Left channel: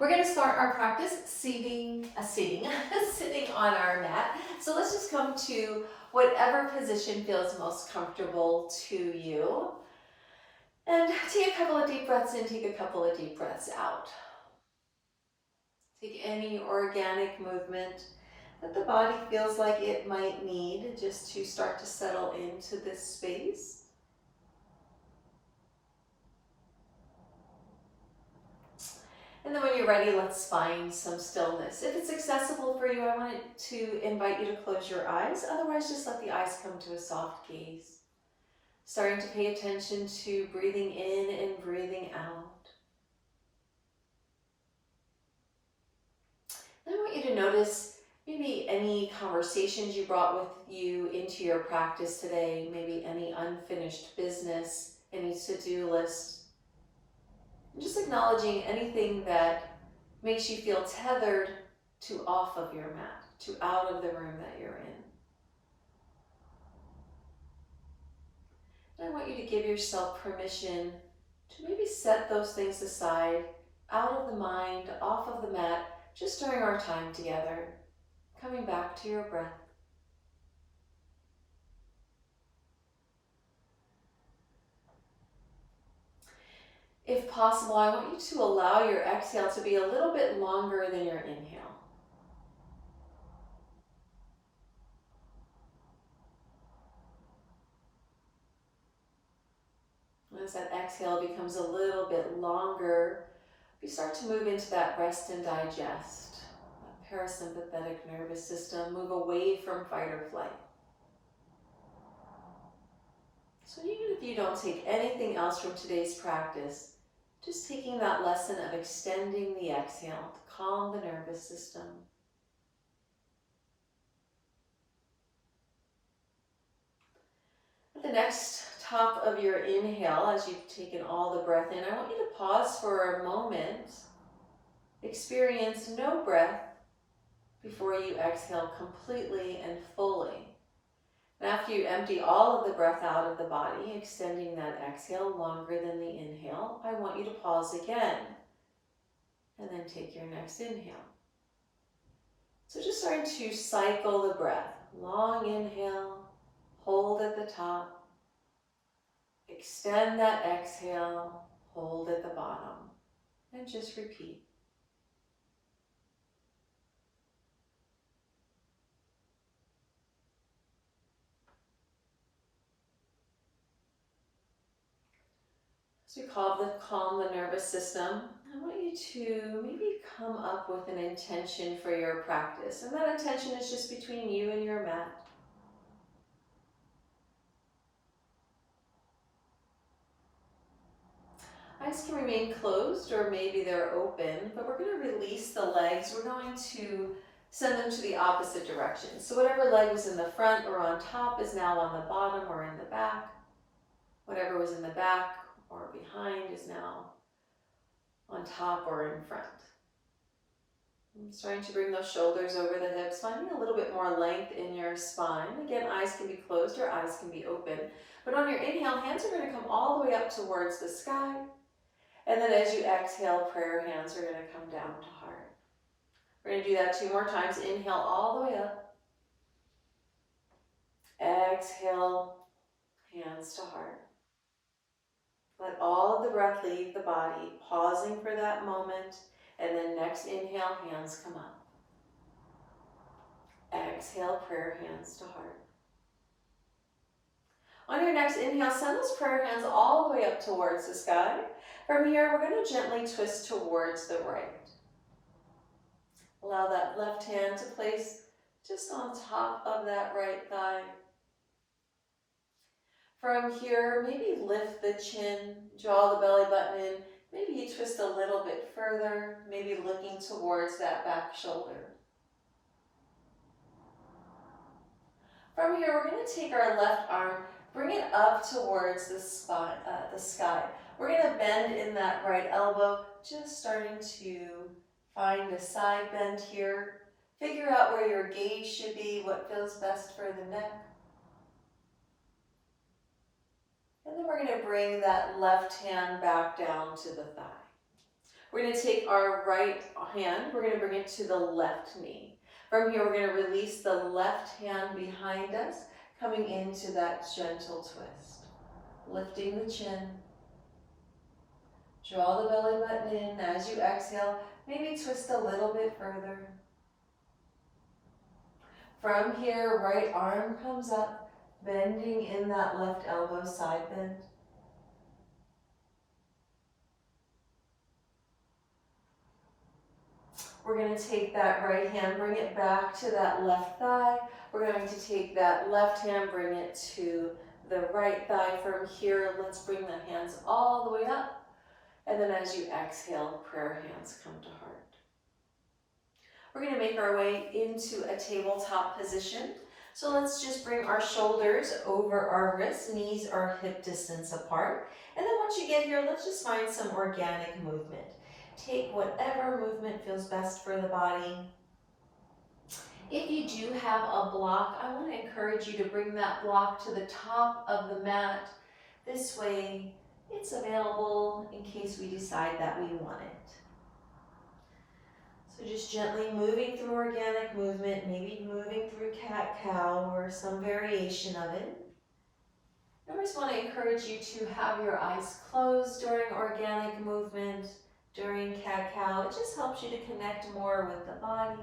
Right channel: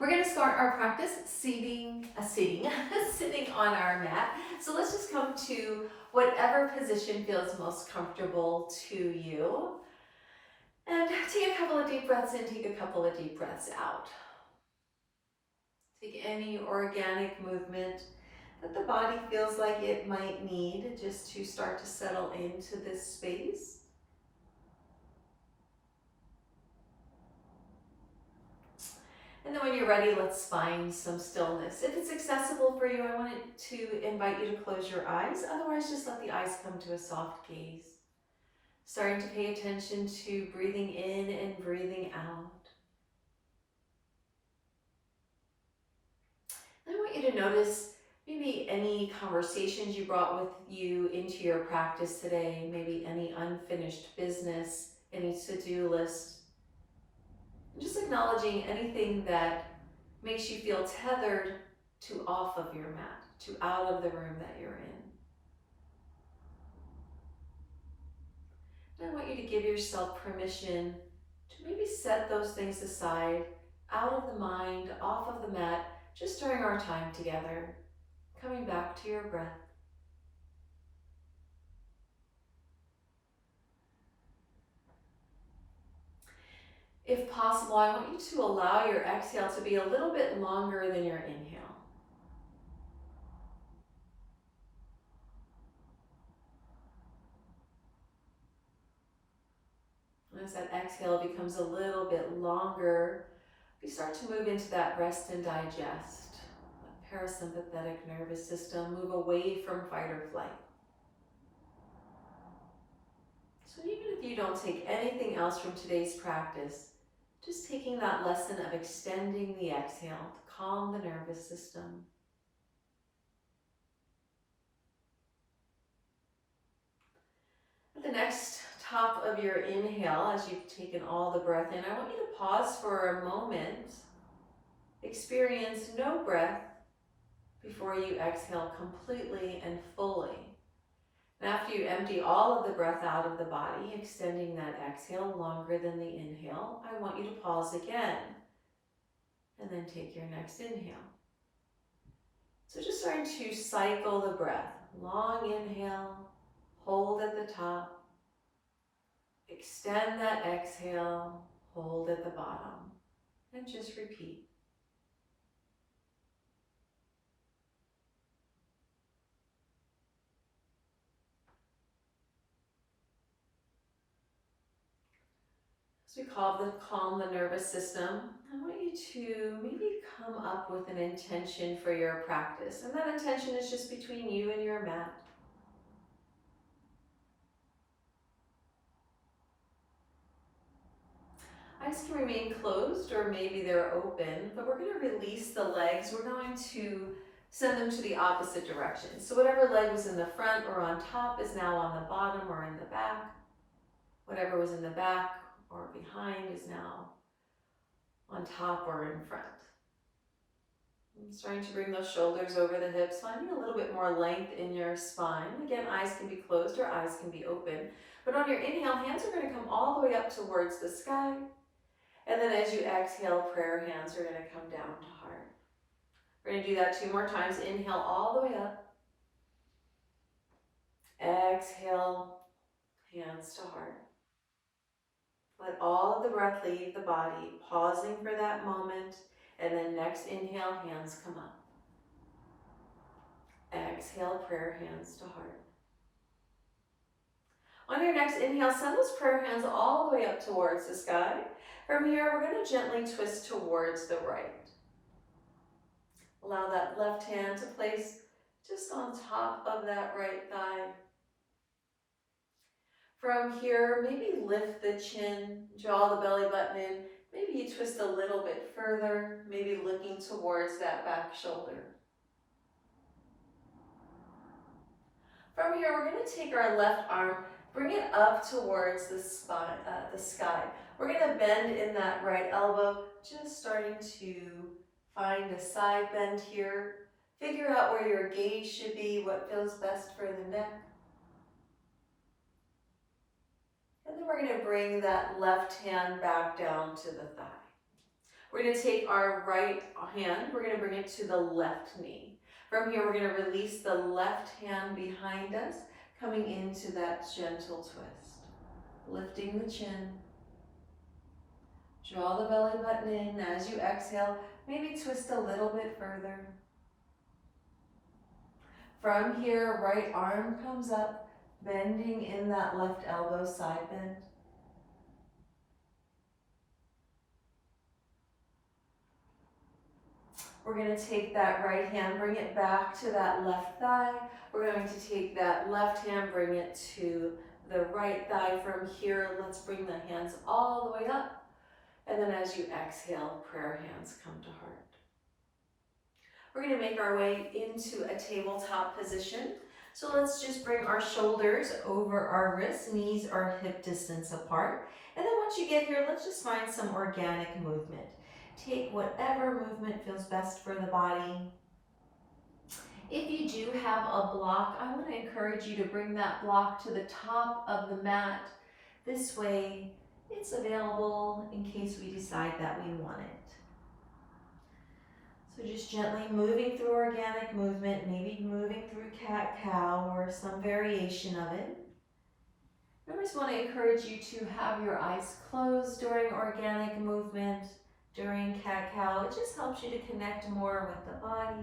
We're going to start our practice sitting on our mat. So let's just come to whatever position feels most comfortable to you. And take a couple of deep breaths in, take a couple of deep breaths out. Take any organic movement that the body feels like it might need just to start to settle into this space. And then when you're ready, let's find some stillness. If it's accessible for you, I want to invite you to close your eyes. Otherwise, just let the eyes come to a soft gaze. Starting to pay attention to breathing in and breathing out. And I want you to notice maybe any conversations you brought with you into your practice today, maybe any unfinished business, any to-do list. And just acknowledging anything that makes you feel tethered to off of your mat, to out of the room that you're in. And I want you to give yourself permission to maybe set those things aside, out of the mind, off of the mat, just during our time together, coming back to your breath. If possible, I want you to allow your exhale to be a little bit longer than your inhale. As that exhale becomes a little bit longer, we start to move into that rest and digest, that parasympathetic nervous system, move away from fight or flight. So even if you don't take anything else from today's practice, just taking that lesson of extending the exhale to calm the nervous system. At the next top of your inhale, as you've taken all the breath in, I want you to pause for a moment. Experience no breath before you exhale completely and fully. And after you empty all of the breath out of the body, extending that exhale longer than the inhale, I want you to pause again and then take your next inhale. So just starting to cycle the breath. Long inhale, hold at the top, extend that exhale, hold at the bottom, and just repeat. As we calm the nervous system, I want you to maybe come up with an intention for your practice. And that intention is just between you and your mat. Eyes can remain closed or maybe they're open, but we're going to release the legs. We're going to send them to the opposite direction. So whatever leg was in the front or on top is now on the bottom or in the back. Whatever was in the back or behind is now on top or in front. I'm starting to bring those shoulders over the hips, finding a little bit more length in your spine. Again, eyes can be closed or eyes can be open. But on your inhale, hands are going to come all the way up towards the sky. And then as you exhale, prayer hands are going to come down to heart. We're going to do that 2 more times. Inhale all the way up. Exhale, hands to heart. Let all of the breath leave the body, pausing for that moment. And then next inhale, hands come up. Exhale, prayer hands to heart. On your next inhale, send those prayer hands all the way up towards the sky. From here, we're going to gently twist towards the right. Allow that left hand to place just on top of that right thigh. From here, maybe lift the chin, draw the belly button in. Maybe you twist a little bit further, maybe looking towards that back shoulder. From here, we're going to take our left arm, bring it up towards the sky. We're going to bend in that right elbow, just starting to find a side bend here. Figure out where your gaze should be, what feels best for the neck. And then we're going to bring that left hand back down to the thigh. We're going to take our right hand, we're going to bring it to the left knee. From here, we're going to release the left hand behind us, coming into that gentle twist. Lifting the chin. Draw the belly button in as you exhale. Maybe twist a little bit further. From here, right arm comes up, bending in that left elbow, side bend. We're going to take that right hand, bring it back to that left thigh. We're going to take that left hand, bring it to the right thigh. From here, let's bring the hands all the way up. And then as you exhale, prayer hands come to heart. We're going to make our way into a tabletop position. So let's just bring our shoulders over our wrists, knees are hip distance apart. And then once you get here, let's just find some organic movement. Take whatever movement feels best for the body. If you do have a block, I want to encourage you to bring that block to the top of the mat. This way, it's available in case we decide that we want it. So just gently moving through organic movement, maybe moving through cat-cow or some variation of it. I just want to encourage you to have your eyes closed during organic movement, during cat-cow. It just helps you to connect more with the body.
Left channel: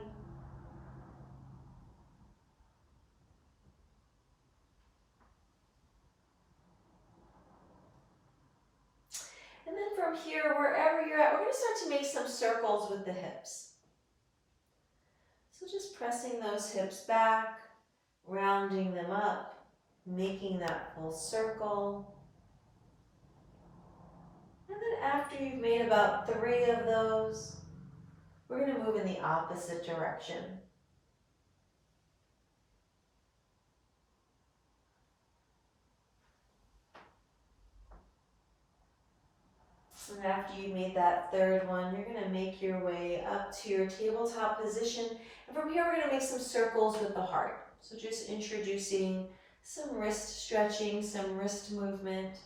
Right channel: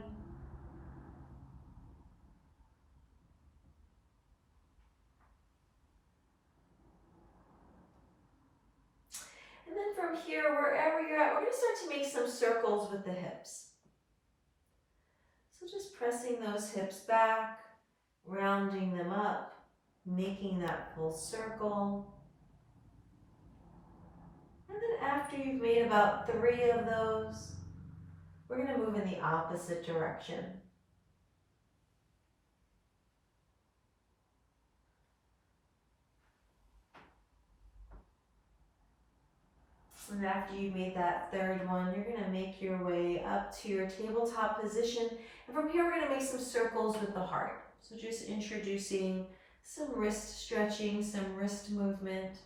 And then from here, wherever you're at, we're going to start to make some circles with the hips. So just pressing those hips back, rounding them up, making that full circle. And then after you've made about 3 of those, we're going to move in the opposite direction. And after you made that 3rd one, you're going to make your way up to your tabletop position. And from here, we're going to make some circles with the heart. So just introducing some wrist stretching, some wrist movement.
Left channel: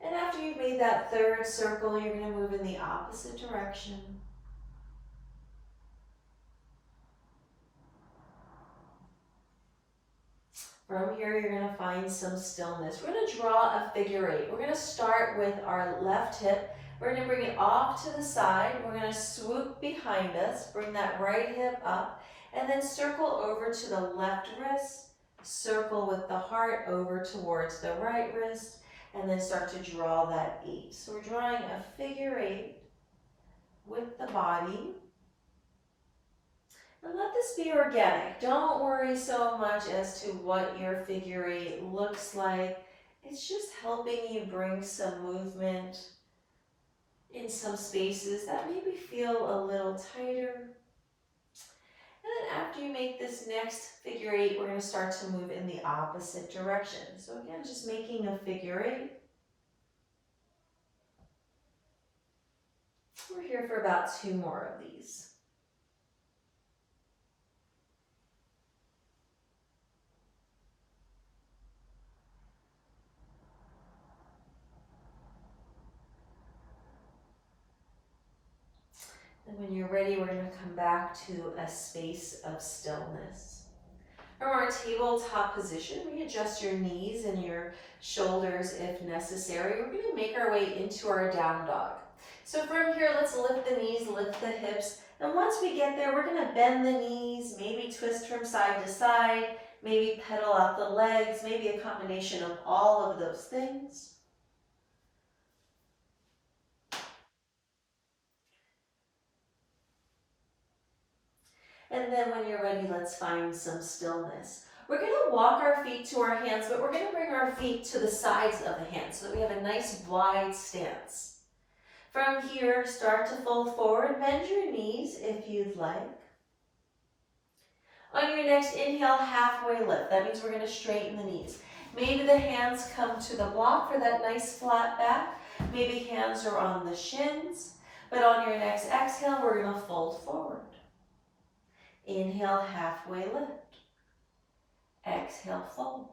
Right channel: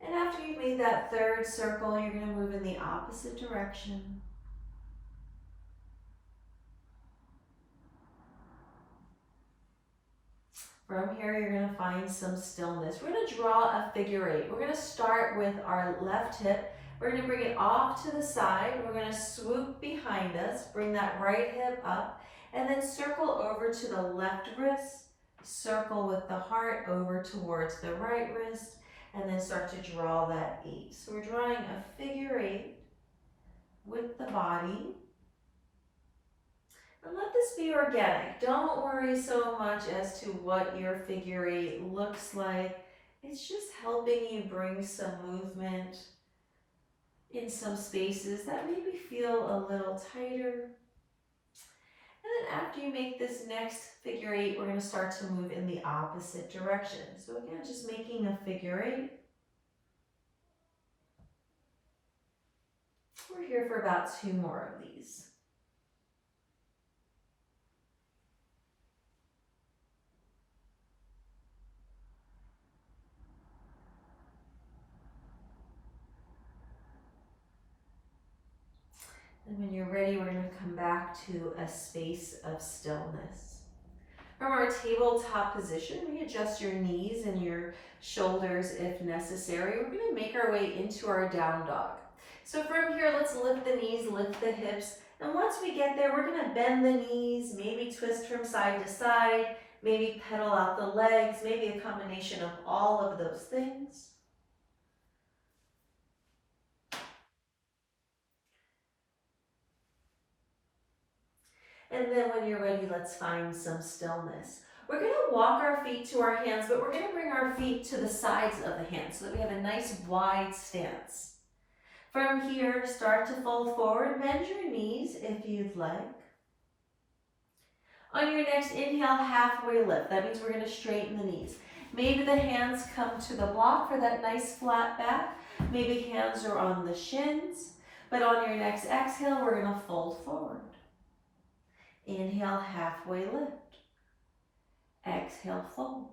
And after you've made that 3rd circle, you're going to move in the opposite direction. From here, you're going to find some stillness. We're going to draw a figure 8. We're going to start with our left hip. We're going to bring it off to the side. We're going to swoop behind us, bring that right hip up, and then circle over to the left wrist, circle with the heart over towards the right wrist, and then start to draw that 8. So we're drawing a figure 8 with the body. And let this be organic. Don't worry so much as to what your figure 8 looks like. It's just helping you bring some movement in some spaces that maybe feel a little tighter. And then after you make this next figure 8, we're going to start to move in the opposite direction. So again, just making a figure 8. We're here for about 2 more of these. And when you're ready, we're going to come back to a space of stillness. From our tabletop position, readjust your knees and your shoulders if necessary. We're going to make our way into our down dog. So from here, let's lift the knees, lift the hips. And once we get there, we're going to bend the knees, maybe twist from side to side, maybe pedal out the legs, maybe a combination of all of those things. And then when you're ready, let's find some stillness. We're going to walk our feet to our hands, but we're going to bring our feet to the sides of the hands so that we have a nice wide stance. From here, start to fold forward, bend your knees if you'd like. On your next inhale, halfway lift. That means we're going to straighten the knees. Maybe the hands come to the block for that nice flat back. Maybe hands are on the shins. But on your next exhale, we're going to fold forward. Inhale, halfway lift. Exhale, fold.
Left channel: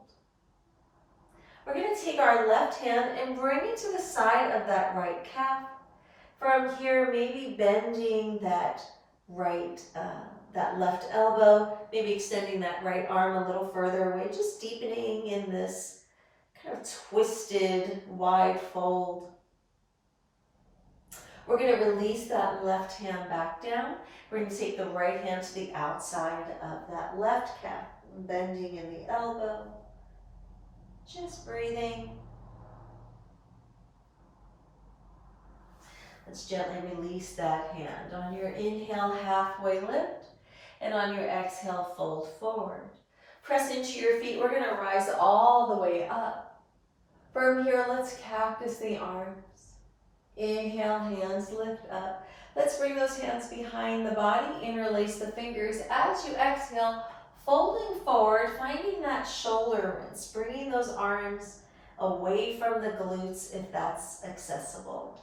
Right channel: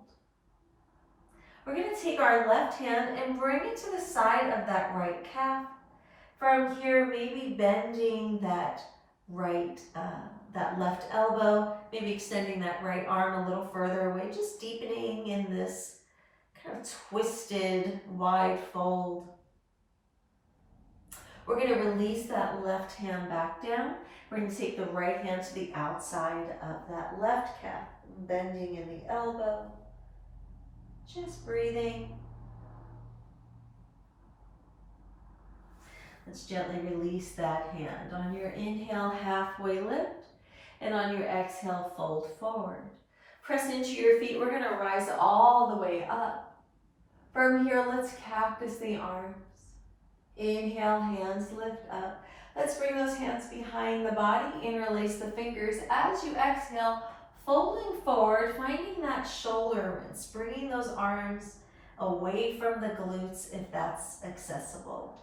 We're going to take our left hand and bring it to the side of that right calf. From here, maybe bending that that left elbow, maybe extending that right arm a little further away, just deepening in this kind of twisted, wide fold. We're going to release that left hand back down. We're going to take the right hand to the outside of that left calf, bending in the elbow, just breathing. Let's gently release that hand. On your inhale, halfway lift, and on your exhale, fold forward. Press into your feet. We're going to rise all the way up. From here, let's cactus the arms. Inhale, hands lift up. Let's bring those hands behind the body, interlace the fingers. As you exhale, folding forward, finding that shoulder rinse, bringing those arms away from the glutes if that's accessible.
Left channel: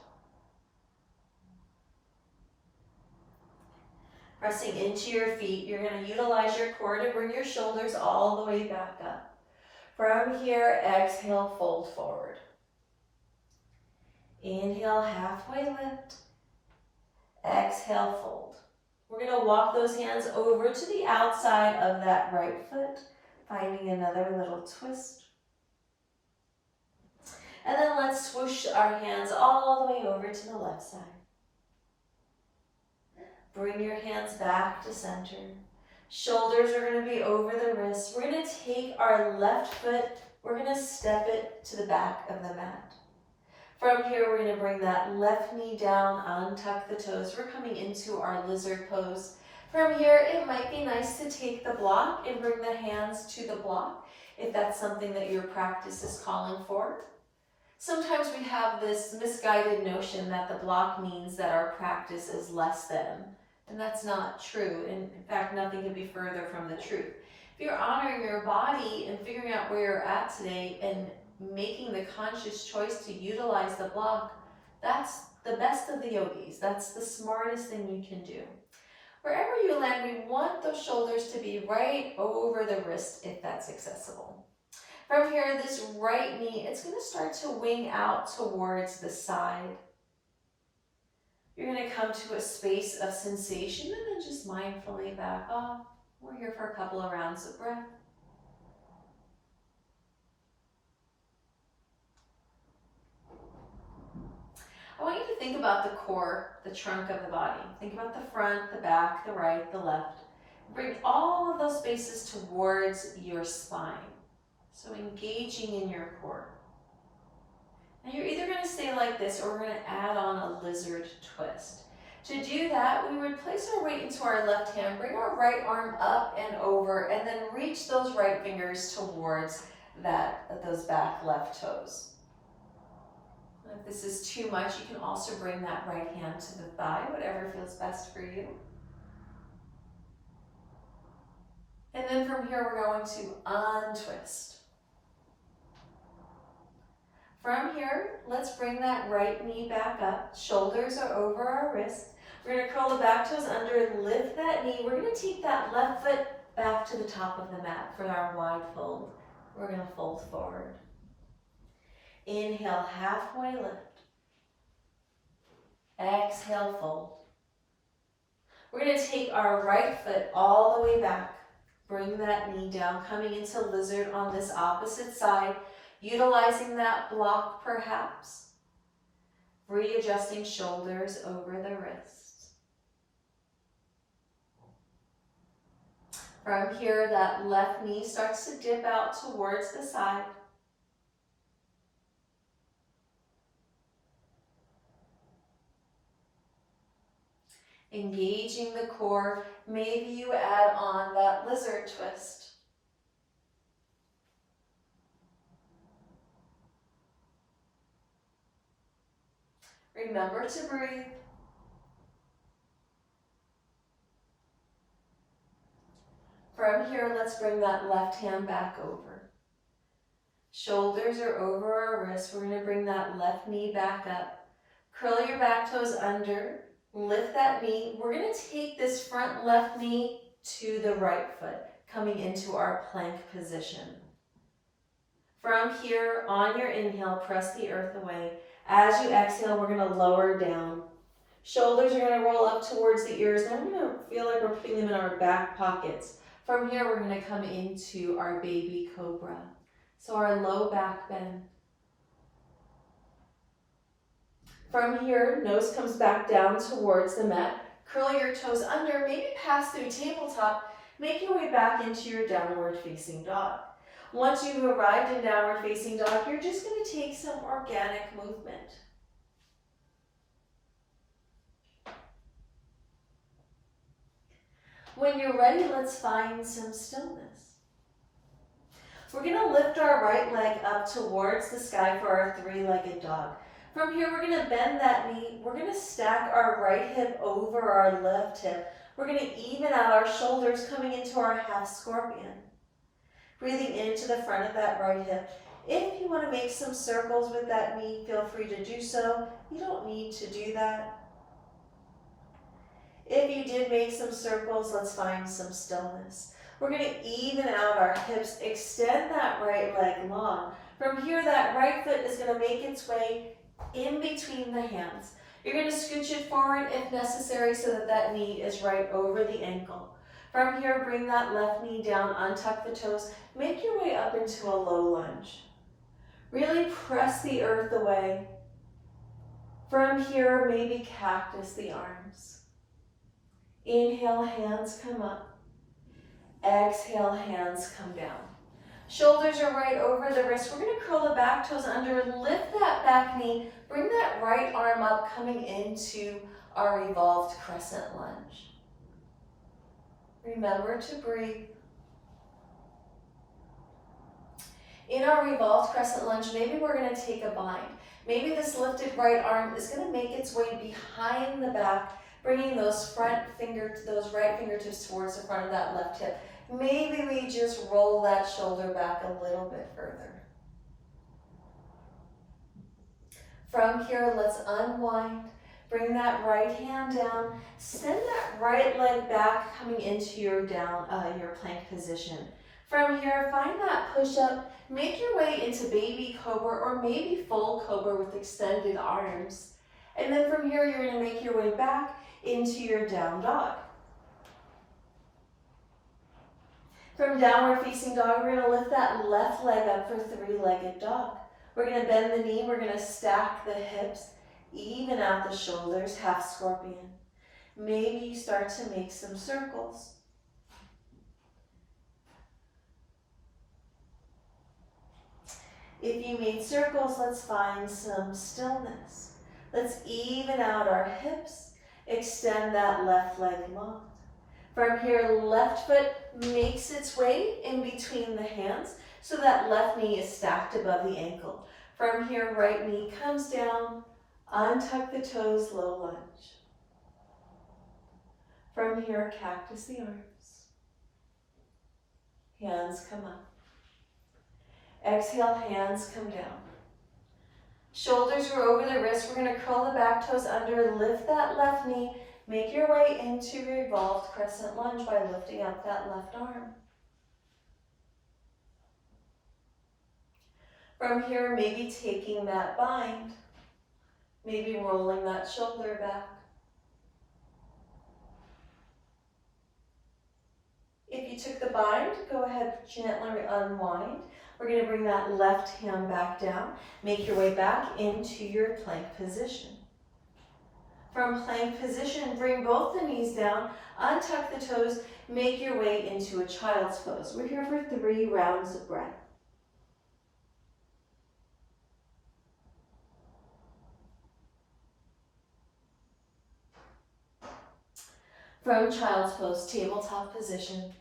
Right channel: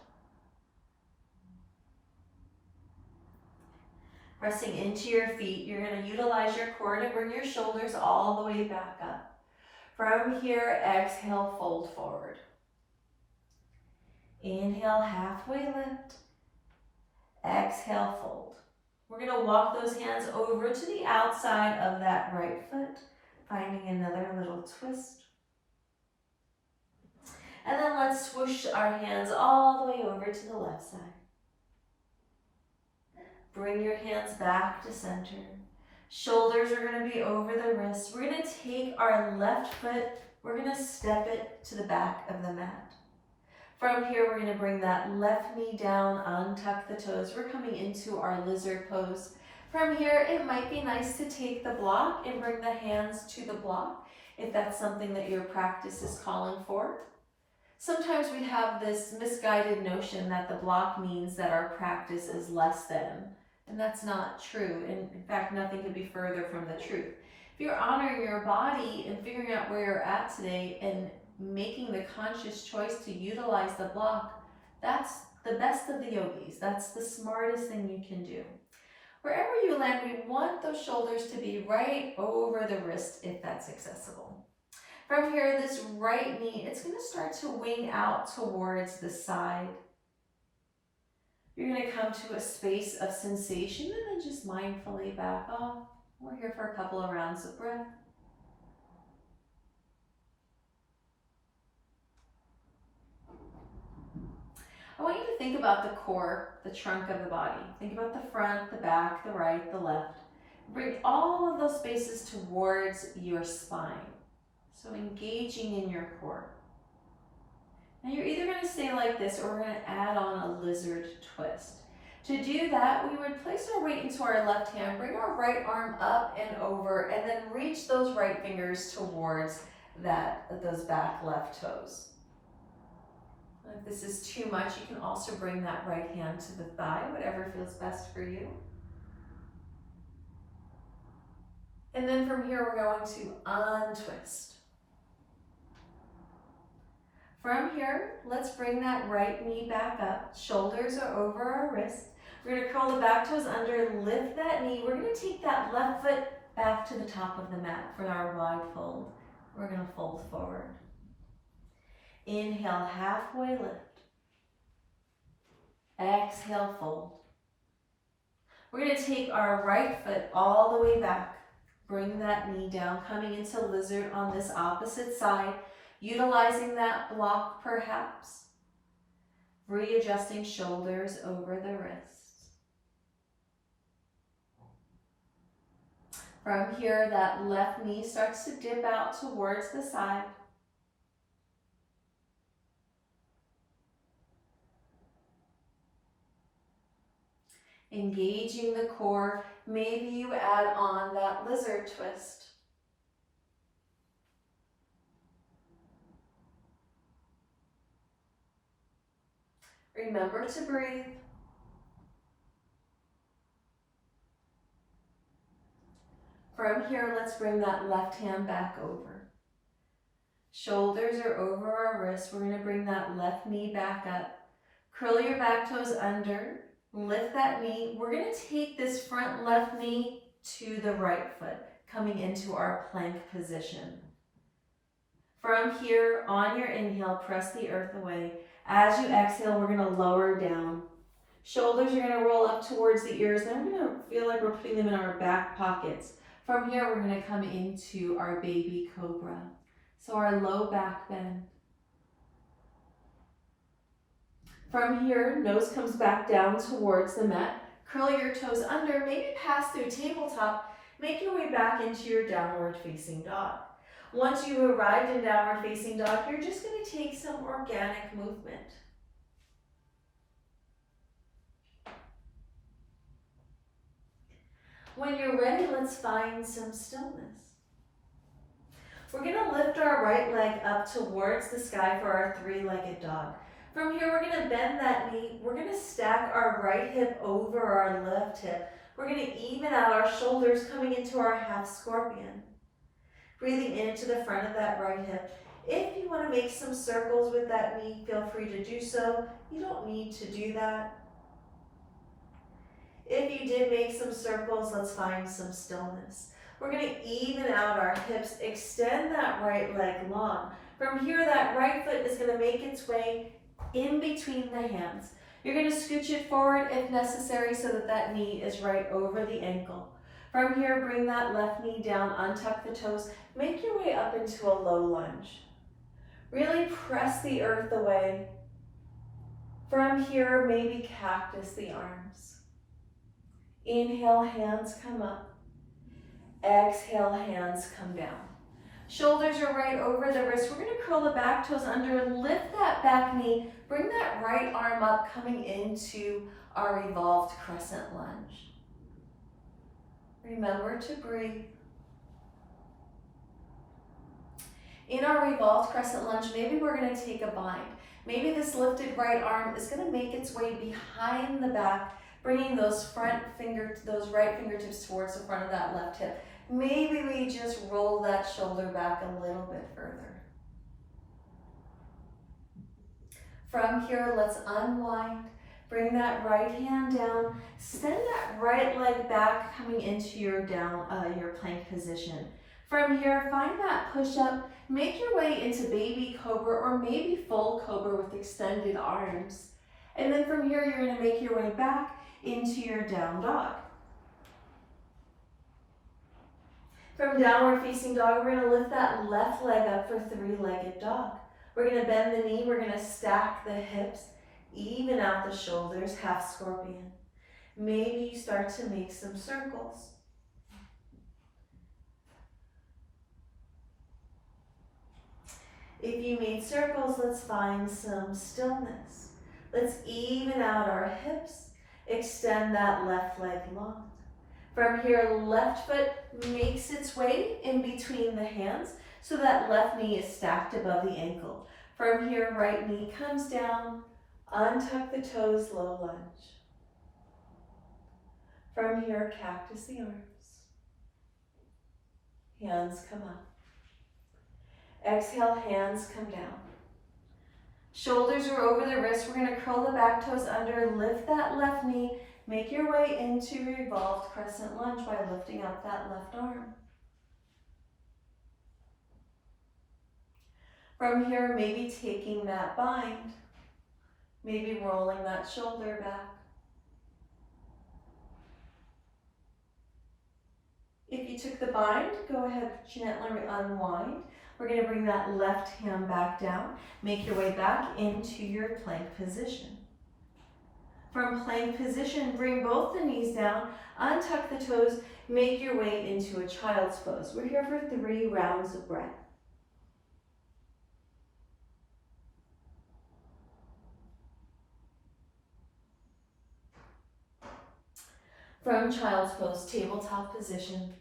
Pressing into your feet, you're going to utilize your core to bring your shoulders all the way back up. From here, exhale, fold forward. Inhale, halfway lift. Exhale, fold. We're going to walk those hands over to the outside of that right foot, finding another little twist. And then let's swoosh our hands all the way over to the left side. Bring your hands back to center. Shoulders are going to be over the wrists. We're going to take our left foot, we're going to step it to the back of the mat. From here, we're going to bring that left knee down, untuck the toes. We're coming into our lizard pose. From here, it might be nice to take the block and bring the hands to the block if that's something that your practice is calling for. Sometimes we have this misguided notion that the block means that our practice is less than, and that's not true. And in fact, nothing could be further from the truth. If you're honoring your body and figuring out where you're at today and making the conscious choice to utilize the block, that's the best of the yogis. That's the smartest thing you can do. Wherever you land, we want those shoulders to be right over the wrist if that's accessible. From here, this right knee, it's going to start to wing out towards the side. You're going to come to a space of sensation and then just mindfully back off. We're here for a couple of rounds of breath. I want you to think about the core, the trunk of the body. Think about the front, the back, the right, the left. Bring all of those spaces towards your spine. So engaging in your core. Now you're either going to stay like this or we're going to add on a lizard twist. To do that, we would place our weight into our left hand, bring our right arm up and over, and then reach those right fingers towards those back left toes. If this is too much, you can also bring that right hand to the thigh, whatever feels best for you. And then from here, we're going to untwist. From here, let's bring that right knee back up. Shoulders are over our wrists. We're going to curl the back toes under, lift that knee. We're going to take that left foot back to the top of the mat for our wide fold. We're going to fold forward. Inhale, halfway lift. Exhale, fold. We're going to take our right foot all the way back. Bring that knee down, coming into lizard on this opposite side. Utilizing that block perhaps, readjusting shoulders over the wrists. From here, that left knee starts to dip out towards the side. Engaging the core, maybe you add on that lizard twist. Remember to breathe. From here, let's bring that left hand back over. Shoulders are over our wrists. We're going to bring that left knee back up. Curl your back toes under. Lift that knee. We're going to take this front left knee to the right foot, coming into our plank position. From here, on your inhale, press the earth away. As you exhale, we're going to lower down, Shoulders are gonna roll up towards the ears. Then we're gonna feel like we're putting them in our back pockets. From here, we're gonna come into our baby cobra. So our low back bend. From here, nose comes back down towards the mat. Curl your toes under, maybe pass through tabletop. Make your way back into your downward facing dog. Once you've arrived in downward facing dog, you're just going to take some organic movement. When you're ready, let's find some stillness. We're going to lift our right leg up towards the sky for our three-legged dog. From here, we're going to bend that knee. We're going to stack our right hip over our left hip. We're going to even out our shoulders, coming into our half scorpion. Breathing into the front of that right hip. If you want to make some circles with that knee, feel free to do so. You don't need to do that. If you did make some circles, let's find some stillness. We're going to even out our hips, extend that right leg long. From here, that right foot is going to make its way in between the hands. You're going to scooch it forward if necessary so that that knee is right over the ankle. From here, bring that left knee down, untuck the toes, make your way up into a low lunge. Really press the earth away. From here, maybe cactus the arms. Inhale, hands come up. Exhale, hands come down. Shoulders are right over the wrist. We're going to curl the back toes under, lift that back knee, bring that right arm up, coming into our revolved crescent lunge. Remember to breathe. In our revolved crescent lunge, maybe we're going to take a bind. Maybe this lifted right arm is going to make its way behind the back, bringing those right fingertips towards the front of that left hip. Maybe we just roll that shoulder back a little bit further. From here, let's unwind. Bring that right hand down. Send that right leg back, coming into your plank position. From here, find that push-up. Make your way into baby cobra or maybe full cobra with extended arms. And then from here, you're going to make your way back into your down dog. From downward facing dog, we're going to lift that left leg up for three-legged dog. We're going to bend the knee. We're going to stack the hips, even out the shoulders, half scorpion. Maybe you start to make some circles. If you made circles, let's find some stillness. Let's even out our hips, extend that left leg long. From here, left foot makes its way in between the hands so that left knee is stacked above the ankle. From here, right knee comes down, untuck the toes, low lunge. From here, cactus the arms. Hands come up. Exhale, hands come down. Shoulders are over the wrist. We're going to curl the back toes under, lift that left knee, make your way into revolved crescent lunge by lifting up that left arm. From here, maybe taking that bind, maybe rolling that shoulder back. If you took the bind, go ahead, gently unwind. We're going to bring that left hand back down. Make your way back into your plank position. From plank position, bring both the knees down, untuck the toes, make your way into a child's pose. We're here for 3 rounds of breath. From child's pose, tabletop position.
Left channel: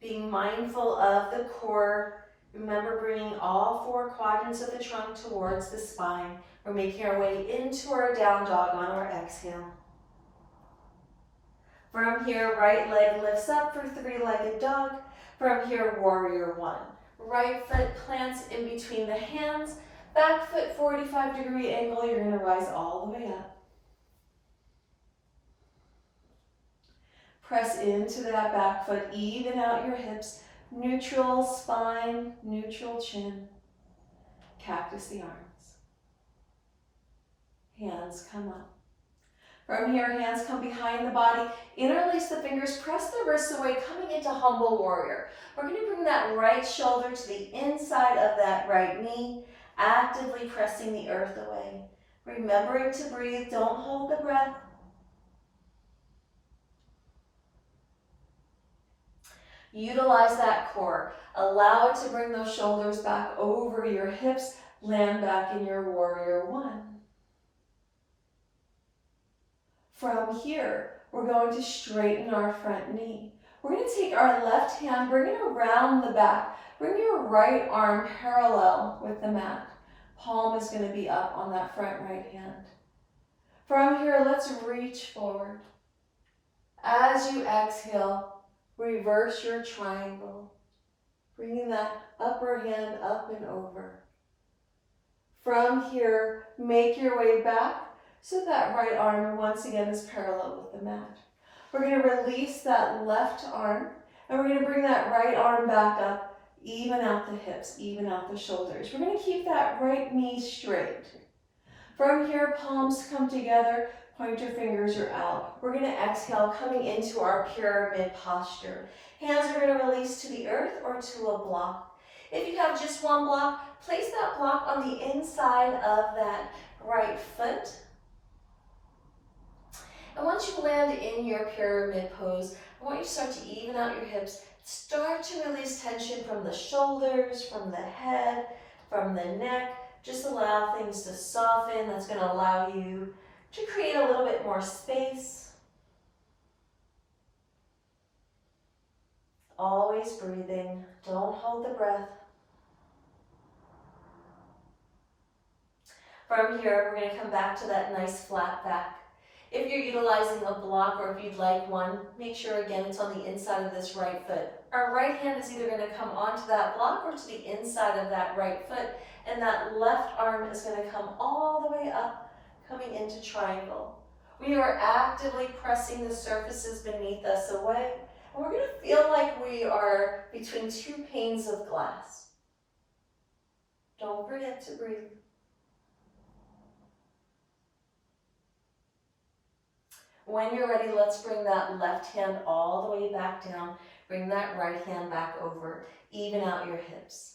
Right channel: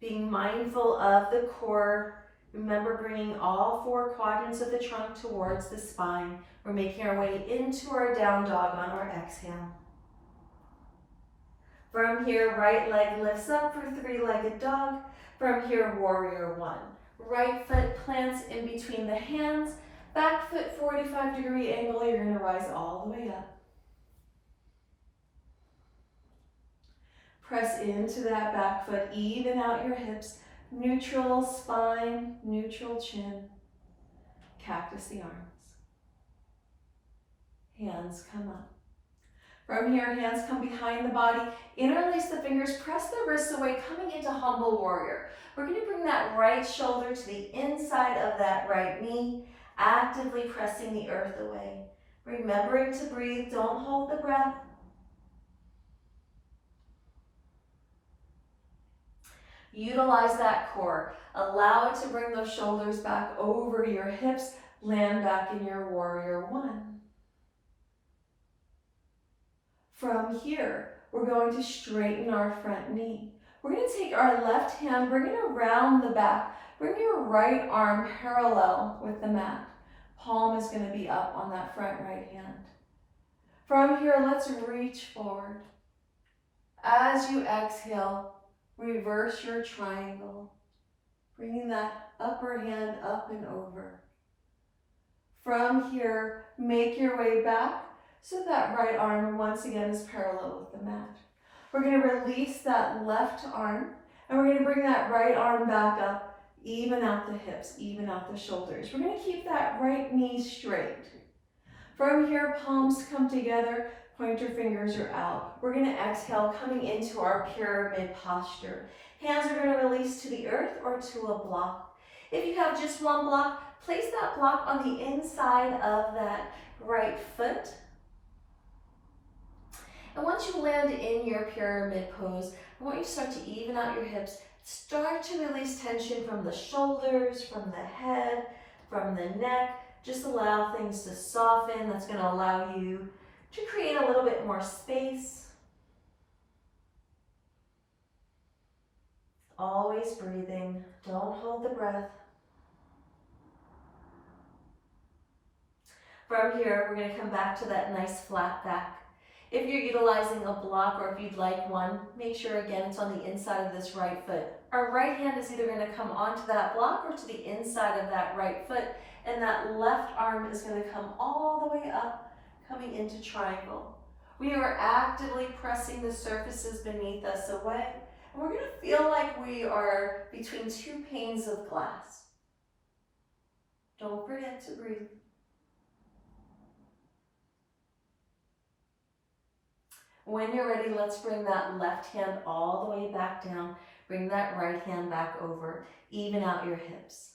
Being mindful of the core. Remember bringing all 4 quadrants of the trunk towards the spine. We're making our way into our down dog on our exhale. From here, right leg lifts up for 3-legged dog. From here, warrior 1. Right foot plants in between the hands. Back foot 45-degree angle. You're going to rise all the way up. Press into that back foot, even out your hips. Neutral spine, neutral chin. Cactus the arms. hands come up. From here, hands come behind the body, interlace the fingers, press the wrists away, coming into humble warrior. We're going to bring that right shoulder to the inside of that right knee, actively pressing the earth away. Remembering to breathe, don't hold the breath. Utilize that core. Allow it to bring those shoulders back over your hips, land back in your warrior one. From here, we're going to straighten our front knee. We're going to take our left hand, bring it around the back. Bring your right arm parallel with the mat. Palm is going to be up on that front right hand. From here, let's reach forward. As you exhale, reverse your triangle. Bringing that upper hand up and over. From here, make your way back so that right arm once again is parallel with the mat. We're going to release that left arm and we're going to bring that right arm back up, even out the hips, even out the shoulders. We're going to keep that right knee straight. From here, palms come together, pointer fingers are out. We're going to exhale, coming into our pyramid posture. Hands are going to release to the earth or to a block. If you have just one block, place that block on the inside of that right foot. And once you land in your pyramid pose, I want you to start to even out your hips. Start to release tension from the shoulders, from the head, from the neck. Just allow things to soften. That's going to allow you to create a little bit more space. Always breathing. Don't hold the breath. From here, we're going to come back to that nice flat back. If you're utilizing a block or if you'd like one, make sure again it's on the inside of this right foot. Our right hand is either going to come onto that block or to the inside of that right foot, and that left arm is going to come all the way up, coming into triangle. We are actively pressing the surfaces beneath us away, and we're going to feel like we are between two panes of glass. Don't forget to breathe. When you're ready, let's bring that left hand all the way back down. Bring that right hand back over. Even out your hips.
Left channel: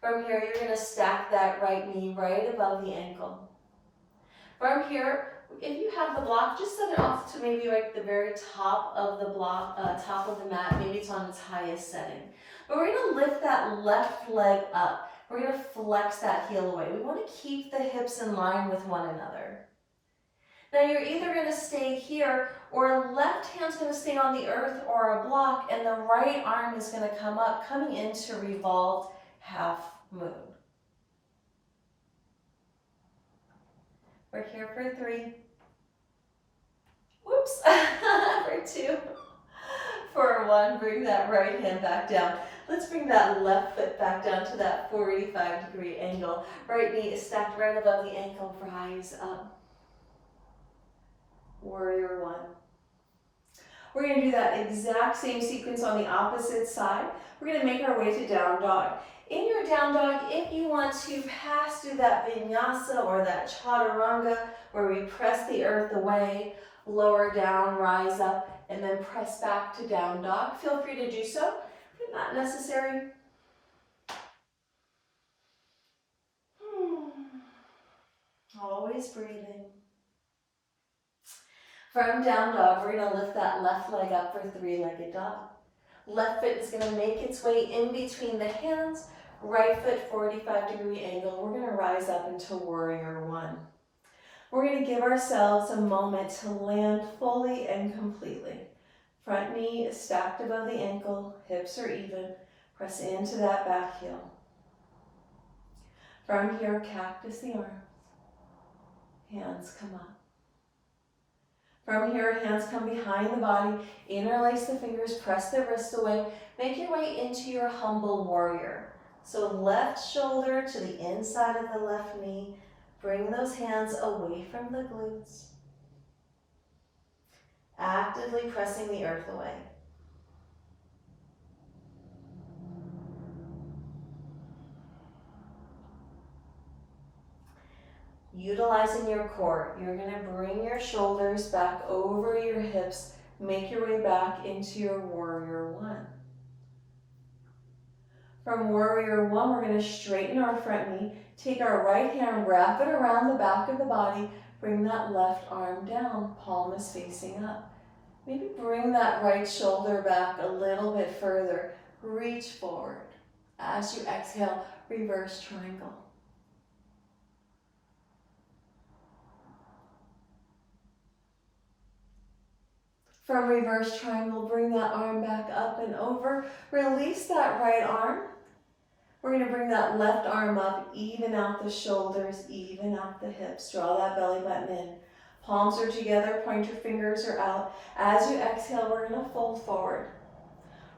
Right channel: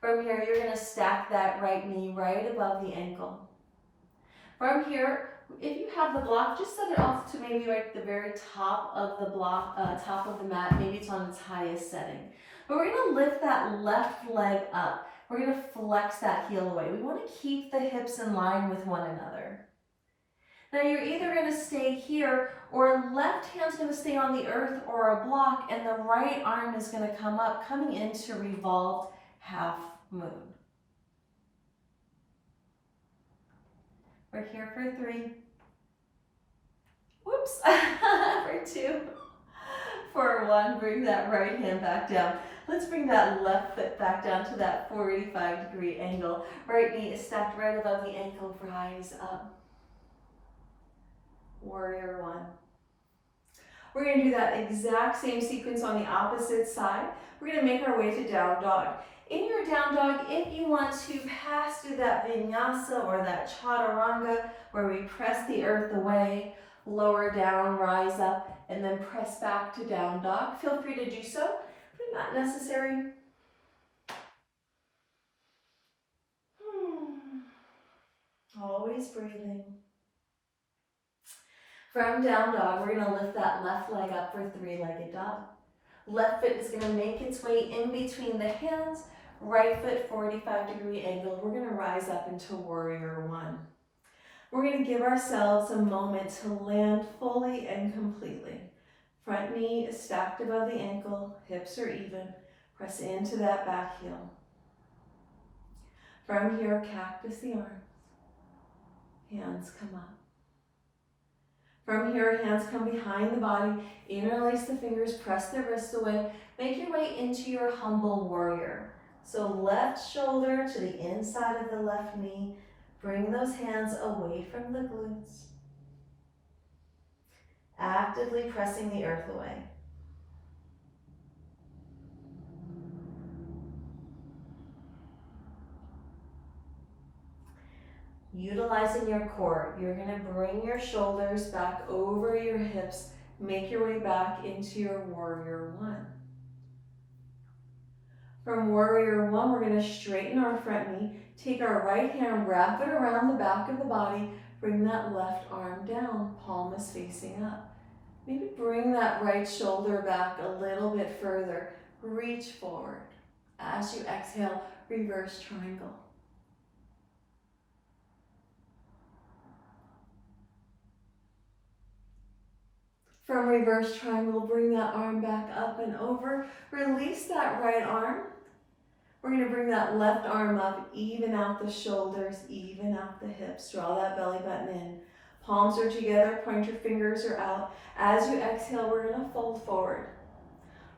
From here, you're going to stack that right knee right above the ankle. From here, if you have the block, just set it off to maybe like the very top of the block, top of the mat. Maybe it's on its highest setting. But we're going to lift that left leg up. We're going to flex that heel away. We want to keep the hips in line with one another. Now you're either going to stay here, or left hand's going to stay on the earth or a block, and the right arm is going to come up, coming into revolved half moon. We're here for 3. Whoops. For 2. For 1, bring that right hand back down. Let's bring that left foot back down to that 45-degree angle. Right knee is stacked right above the ankle, rise up. Warrior 1. We're going to do that exact same sequence on the opposite side. We're going to make our way to down dog. In your down dog, if you want to pass through that vinyasa or that chaturanga where we press the earth away, lower down, rise up, and then press back to down dog, feel free to do so, but not necessary. Always breathing. From down dog, we're going to lift that left leg up for 3-legged dog. Left foot is going to make its way in between the hands. Right foot, 45-degree angle. We're going to rise up into warrior 1. We're going to give ourselves a moment to land fully and completely. Front knee is stacked above the ankle. Hips are even. Press into that back heel. From here, cactus the arms. Hands come up. From here, hands come behind the body, interlace the fingers, press the wrists away, make your way into your humble warrior. So left shoulder to the inside of the left knee, bring those hands away from the glutes. Actively pressing the earth away. Utilizing your core, you're gonna bring your shoulders back over your hips, make your way back into your warrior one. From warrior one, we're gonna straighten our front knee, take our right hand, wrap it around the back of the body, bring that left arm down, palm is facing up. Maybe bring that right shoulder back a little bit further, reach forward. As you exhale, reverse triangle. From reverse triangle, bring that arm back up and over. Release that right arm. We're going to bring that left arm up, even out the shoulders, even out the hips. Draw that belly button in. Palms are together, pointer fingers are out. As you exhale, we're going to fold forward.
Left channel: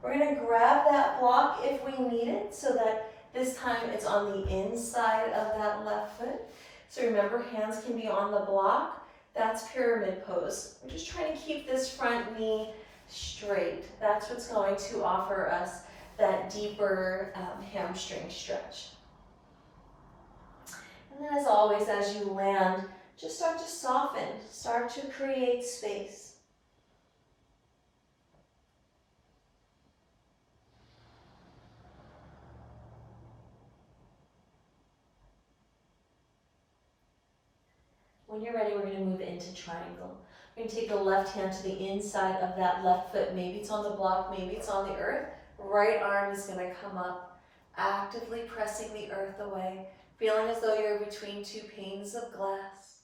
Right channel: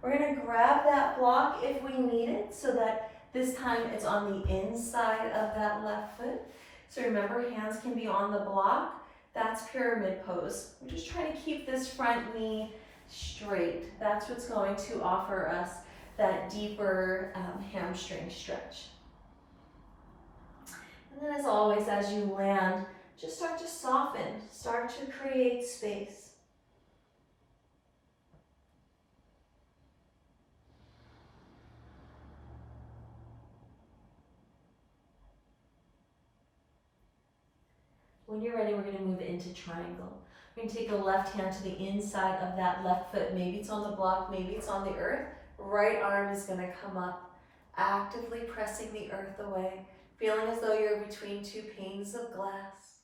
We're going to grab that block if we need it, so that this time it's on the inside of that left foot. So remember, hands can be on the block. That's pyramid pose. We're just trying to keep this front knee straight. That's what's going to offer us that deeper hamstring stretch. And then as always, as you land, just start to soften, start to create space. When you're ready, we're going to move into triangle. We're going to take the left hand to the inside of that left foot. Maybe it's on the block, maybe it's on the earth. Right arm is going to come up, actively pressing the earth away, feeling as though you're between two panes of glass.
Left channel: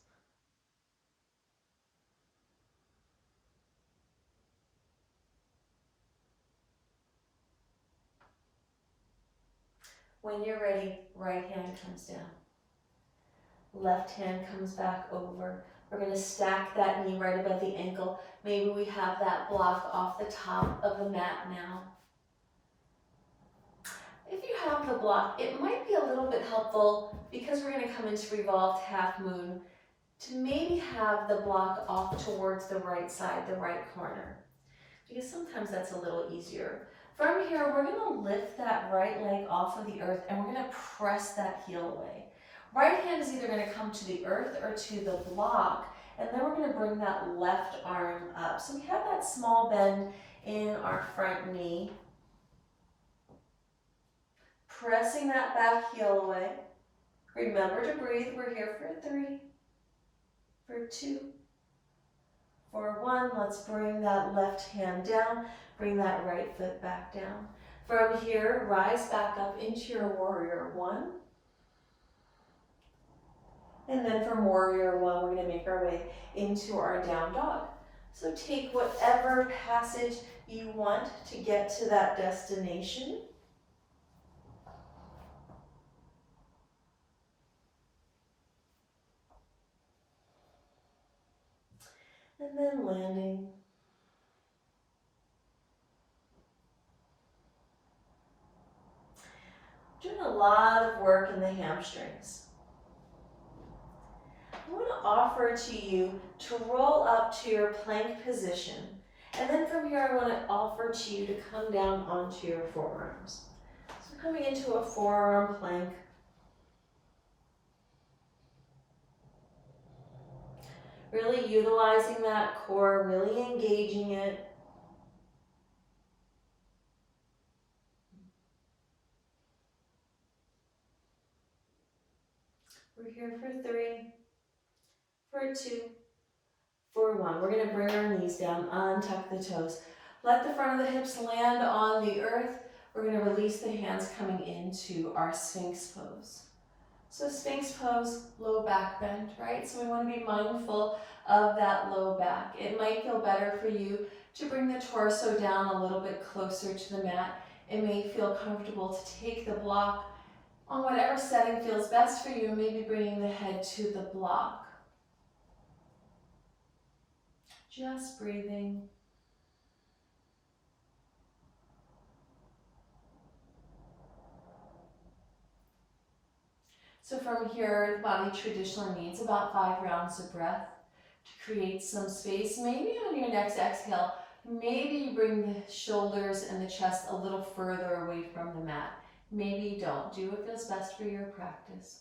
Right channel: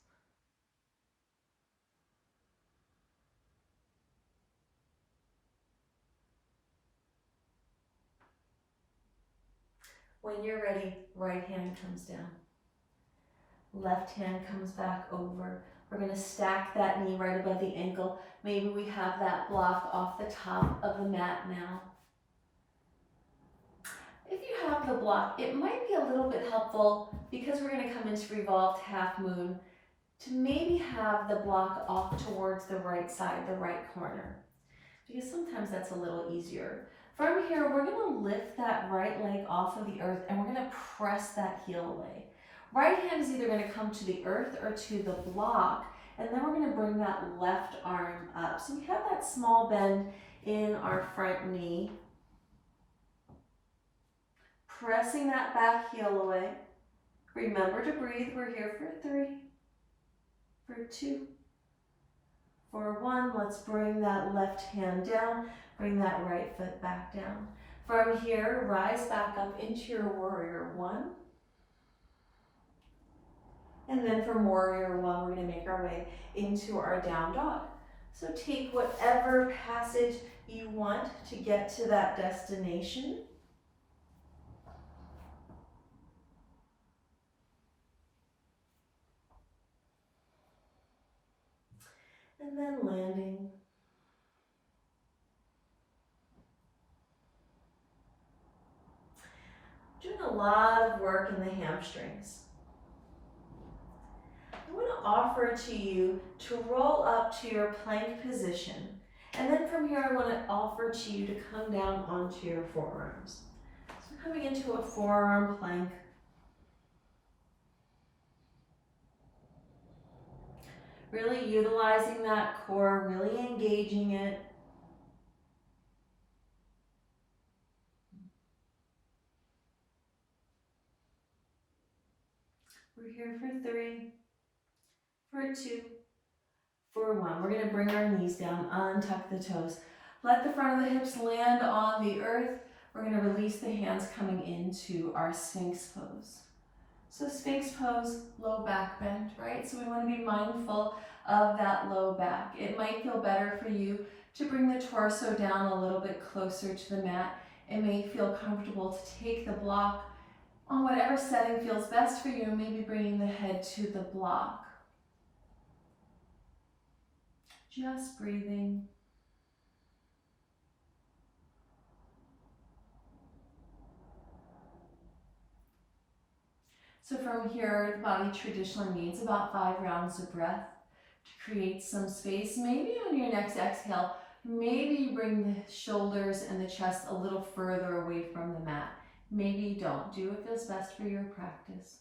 When you're ready, right hand comes down. Left hand comes back over. We're going to stack that knee right above the ankle. Maybe we have that block off the top of the mat now. If you have the block, it might be a little bit helpful, because we're going to come into revolved half moon, to maybe have the block off towards the right side, the right corner, because sometimes that's a little easier. From here, we're going to lift that right leg off of the earth, and we're going to press that heel away. Right hand is either going to come to the earth or to the block, and then we're going to bring that left arm up. So we have that small bend in our front knee. Pressing that back heel away. Remember to breathe. We're here for 3, for 2, for 1. Let's bring that left hand down. Bring that right foot back down. From here, rise back up into your warrior one. And then from warrior one, we're going to make our way into our down dog. So take whatever passage you want to get to that destination. And then landing. Doing a lot of work in the hamstrings. I want to offer to you to roll up to your plank position. And then from here, I want to offer to you to come down onto your forearms. So coming into a forearm plank. Really utilizing that core, really engaging it. We're here for 3, for 2, for 1. We're going to bring our knees down, untuck the toes. Let the front of the hips land on the earth. We're going to release the hands coming into our Sphinx pose. So Sphinx pose, low back bend, right? So we want to be mindful of that low back. It might feel better for you to bring the torso down a little bit closer to the mat. It may feel comfortable to take the block on whatever setting feels best for you, maybe bringing the head to the block. Just breathing. So from here, the body traditionally needs about 5 rounds of breath to create some space. Maybe on your next exhale, maybe you bring the shoulders and the chest a little further away from the mat. Maybe you don't. Do what feels best for your practice.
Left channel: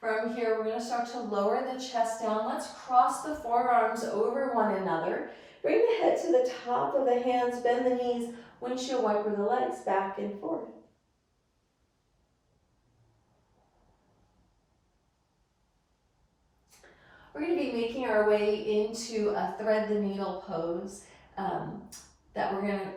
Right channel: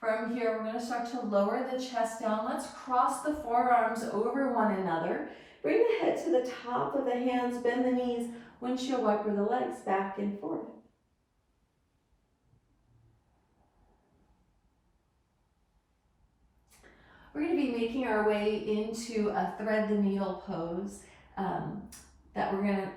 From here, we're gonna start to lower the chest down. Let's cross the forearms over one another. Bring the head to the top of the hands, bend the knees, windshield wiper the legs back and forth. We're going to be making our way into a thread the needle pose that we're going to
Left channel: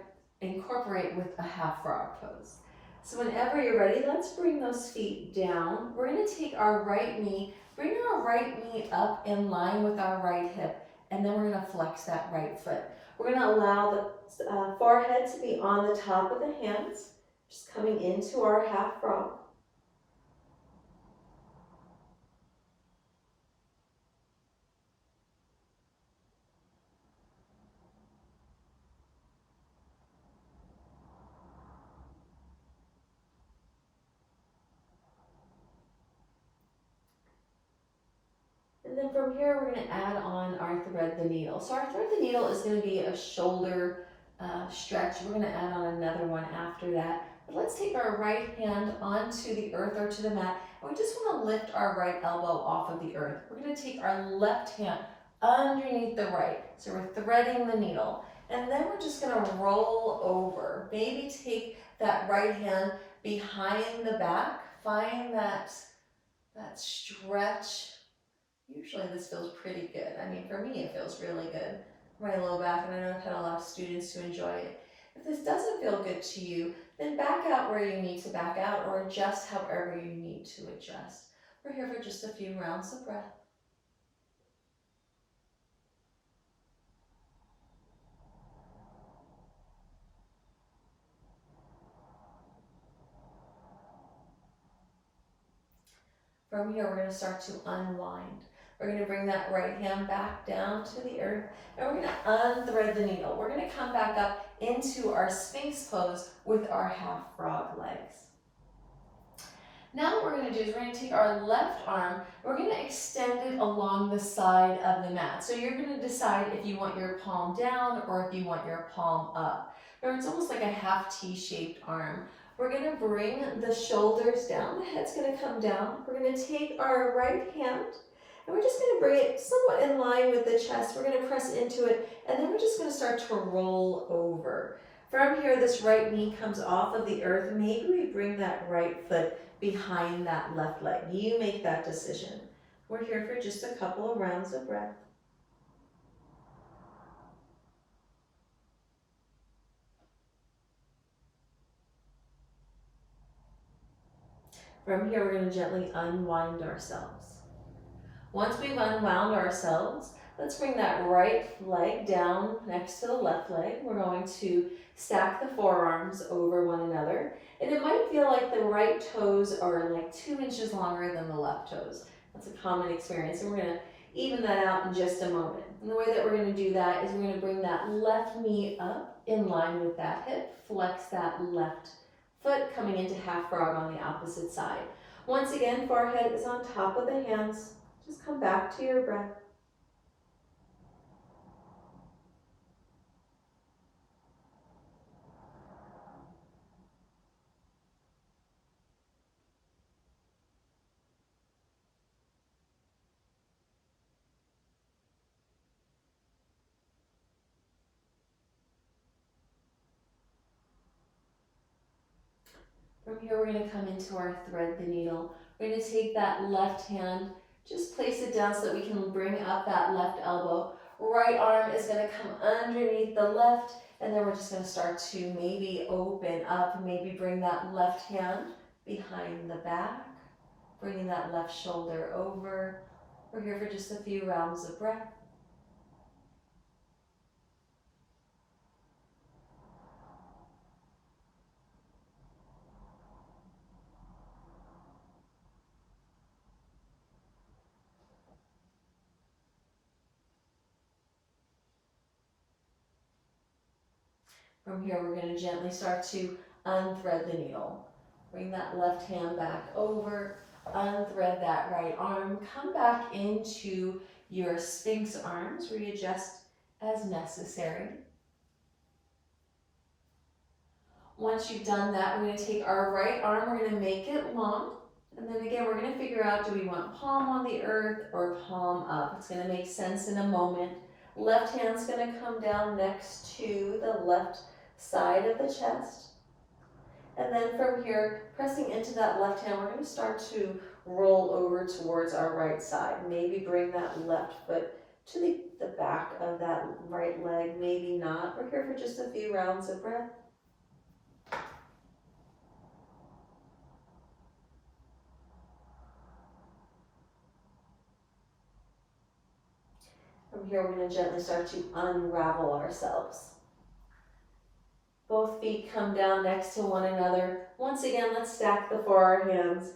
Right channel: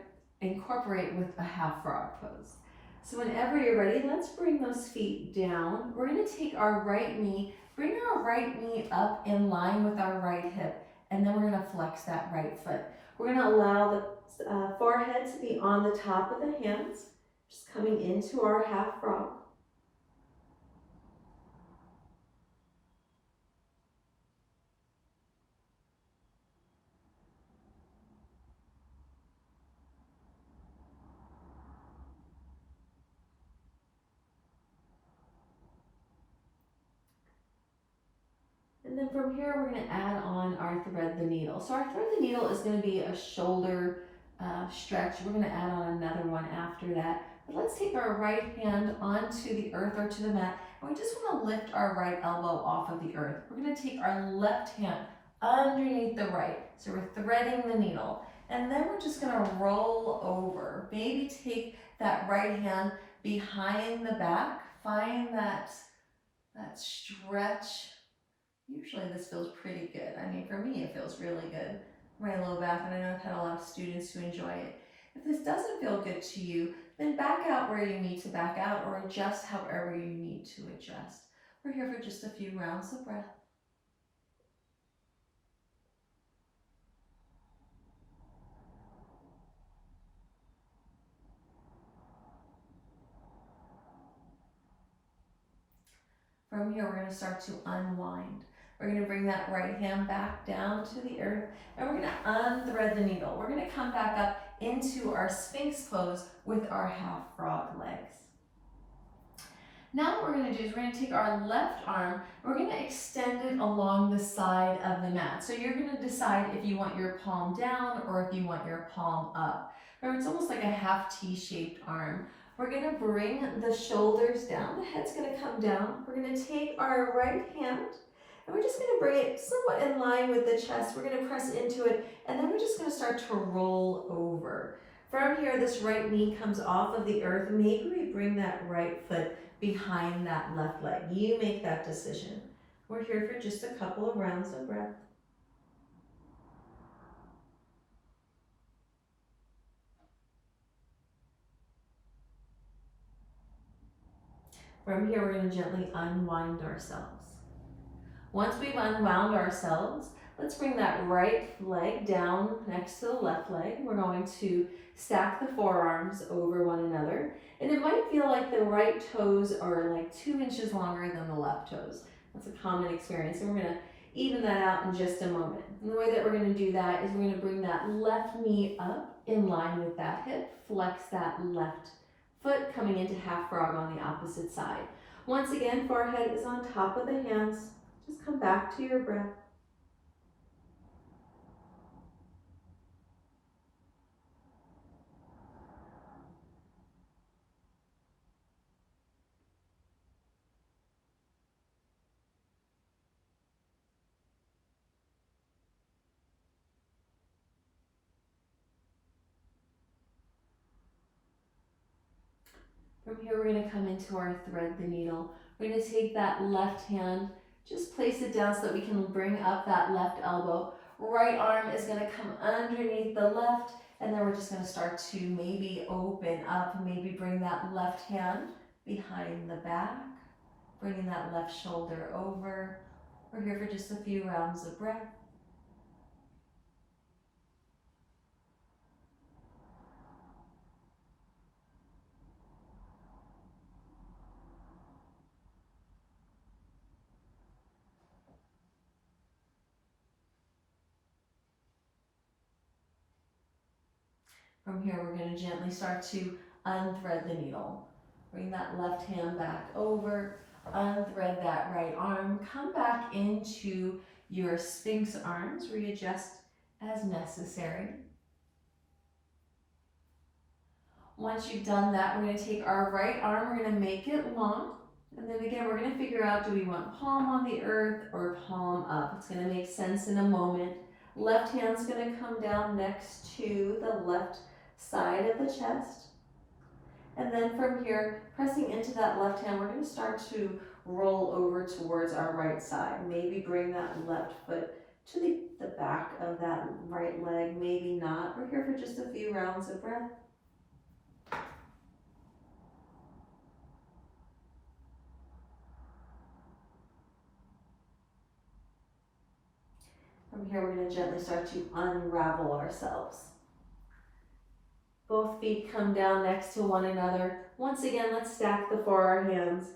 incorporate with a half frog pose. So whenever you're ready, let's bring those feet down. We're going to take our right knee, bring our right knee up in line with our right hip, and then we're going to flex that right foot. We're going to allow the forehead to be on the top of the hands, just coming into our half frog. And then from here, we're going to add on our thread the needle. So our thread the needle is going to be a shoulder stretch. We're going to add on another one after that. But let's take our right hand onto the earth or to the mat. And we just want to lift our right elbow off of the earth. We're going to take our left hand underneath the right. So we're threading the needle. And then we're just going to roll over. Maybe take that right hand behind the back. Find that stretch. Usually this feels pretty good. I mean, for me, it feels really good. My low back, and I know I've had a lot of students who enjoy it. If this doesn't feel good to you, then back out where you need to back out or adjust however you need to adjust. We're here for just a few rounds of breath. From here, we're going to start to unwind. We're going to bring that right hand back down to the earth, and we're going to unthread the needle. We're going to come back up into our Sphinx pose with our half frog legs. Now what we're going to do is we're going to take our left arm, and we're going to extend it along the side of the mat. So you're going to decide if you want your palm down or if you want your palm up. Remember, it's almost like a half T-shaped arm. We're going to bring the shoulders down. The head's going to come down. We're going to take our right hand, and we're just going to bring it somewhat in line with the chest. We're going to press into it, and then we're just going to start to roll over. From here, this right knee comes off of the earth. Maybe we bring that right foot behind that left leg. You make that decision. We're here for just a couple of rounds of breath. From here, we're going to gently unwind ourselves. Once we've unwound ourselves, let's bring that right leg down next to the left leg. We're going to stack the forearms over one another. And it might feel like the right toes are like 2 inches longer than the left toes. That's a common experience. And we're going to even that out in just a moment. And the way that we're going to do that is we're going to bring that left knee up in line with that hip. Flex that left foot coming into half frog on the opposite side. Once again, forehead is on top of the hands. Just come back to your breath. From here, we're going to come into our thread the needle. We're going to take that left hand, just place it down so that we can bring up that left elbow. Right arm is going to come underneath the left, and then we're just going to start to maybe open up, maybe bring that left hand behind the back, bringing that left shoulder over. We're here for just a few rounds of breath. From here, we're going to gently start to unthread the needle. Bring that left hand back over, unthread that right arm, come back into your Sphinx arms, readjust as necessary. Once you've done that, we're going to take our right arm, we're going to make it long, And then again, we're gonna figure out, do we want palm on the earth or palm up? It's gonna make sense in a moment. Left hand's gonna come down next to the left side of the chest. And then from here, pressing into that left hand, we're gonna start to roll over towards our right side. Maybe bring that left foot to the back of that right leg, maybe not. We're here for just a few rounds of breath. From here, we're going to gently start to unravel ourselves. Both feet come down next to one another. Once again, let's stack the forearms.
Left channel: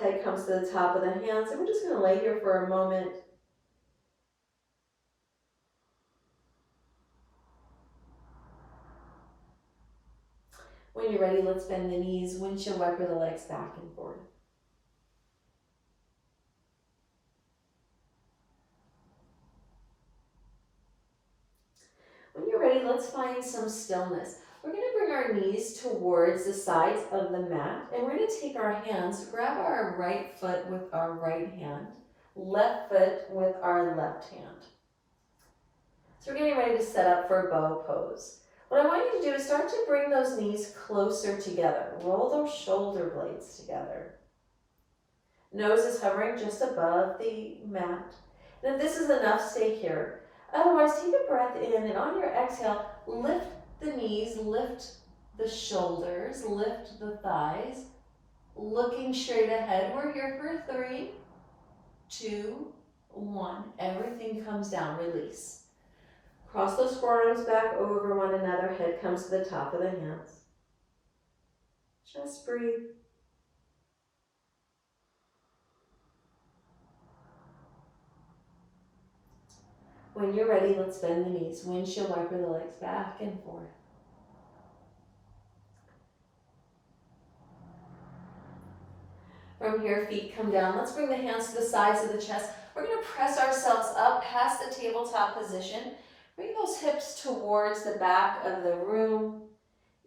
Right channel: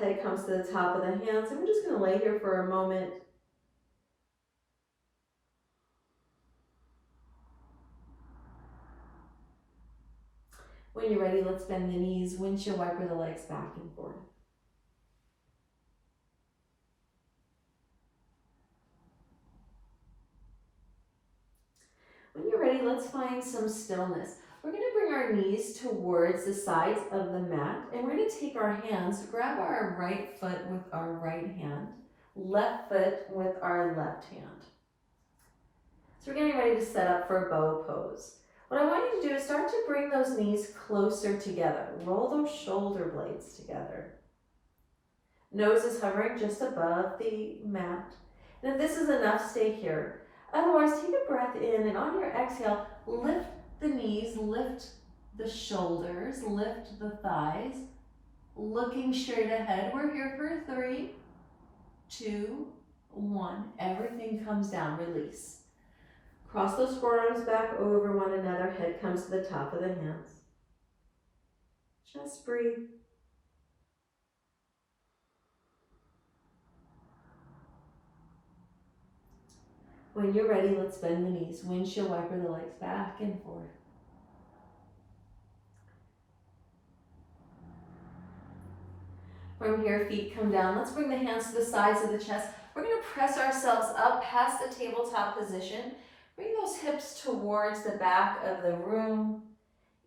Head comes to the top of the hands, and we're just going to lay here for a moment. When you're ready, let's bend the knees, windshield wiper the legs back and forth. When you're ready, let's find some stillness. We're going to bring our knees towards the sides of the mat, and we're going to take our hands, grab our right foot with our right hand, left foot with our left hand. So we're getting ready to set up for bow pose. What I want you to do is start to bring those knees closer together. Roll those shoulder blades together. Nose is hovering just above the mat. And if this is enough, stay here. Otherwise, take a breath in, and on your exhale, lift the knees, lift the shoulders, lift the thighs, looking straight ahead. We're here for 3, 2, 1. Everything comes down, release. Cross those forearms back over one another, head comes to the top of the hands. Just breathe. When you're ready, let's bend the knees. Windshield wiper the legs back and forth. From here, feet come down. Let's bring the hands to the sides of the chest. We're going to press ourselves up past the tabletop position. Bring those hips towards the back of the room,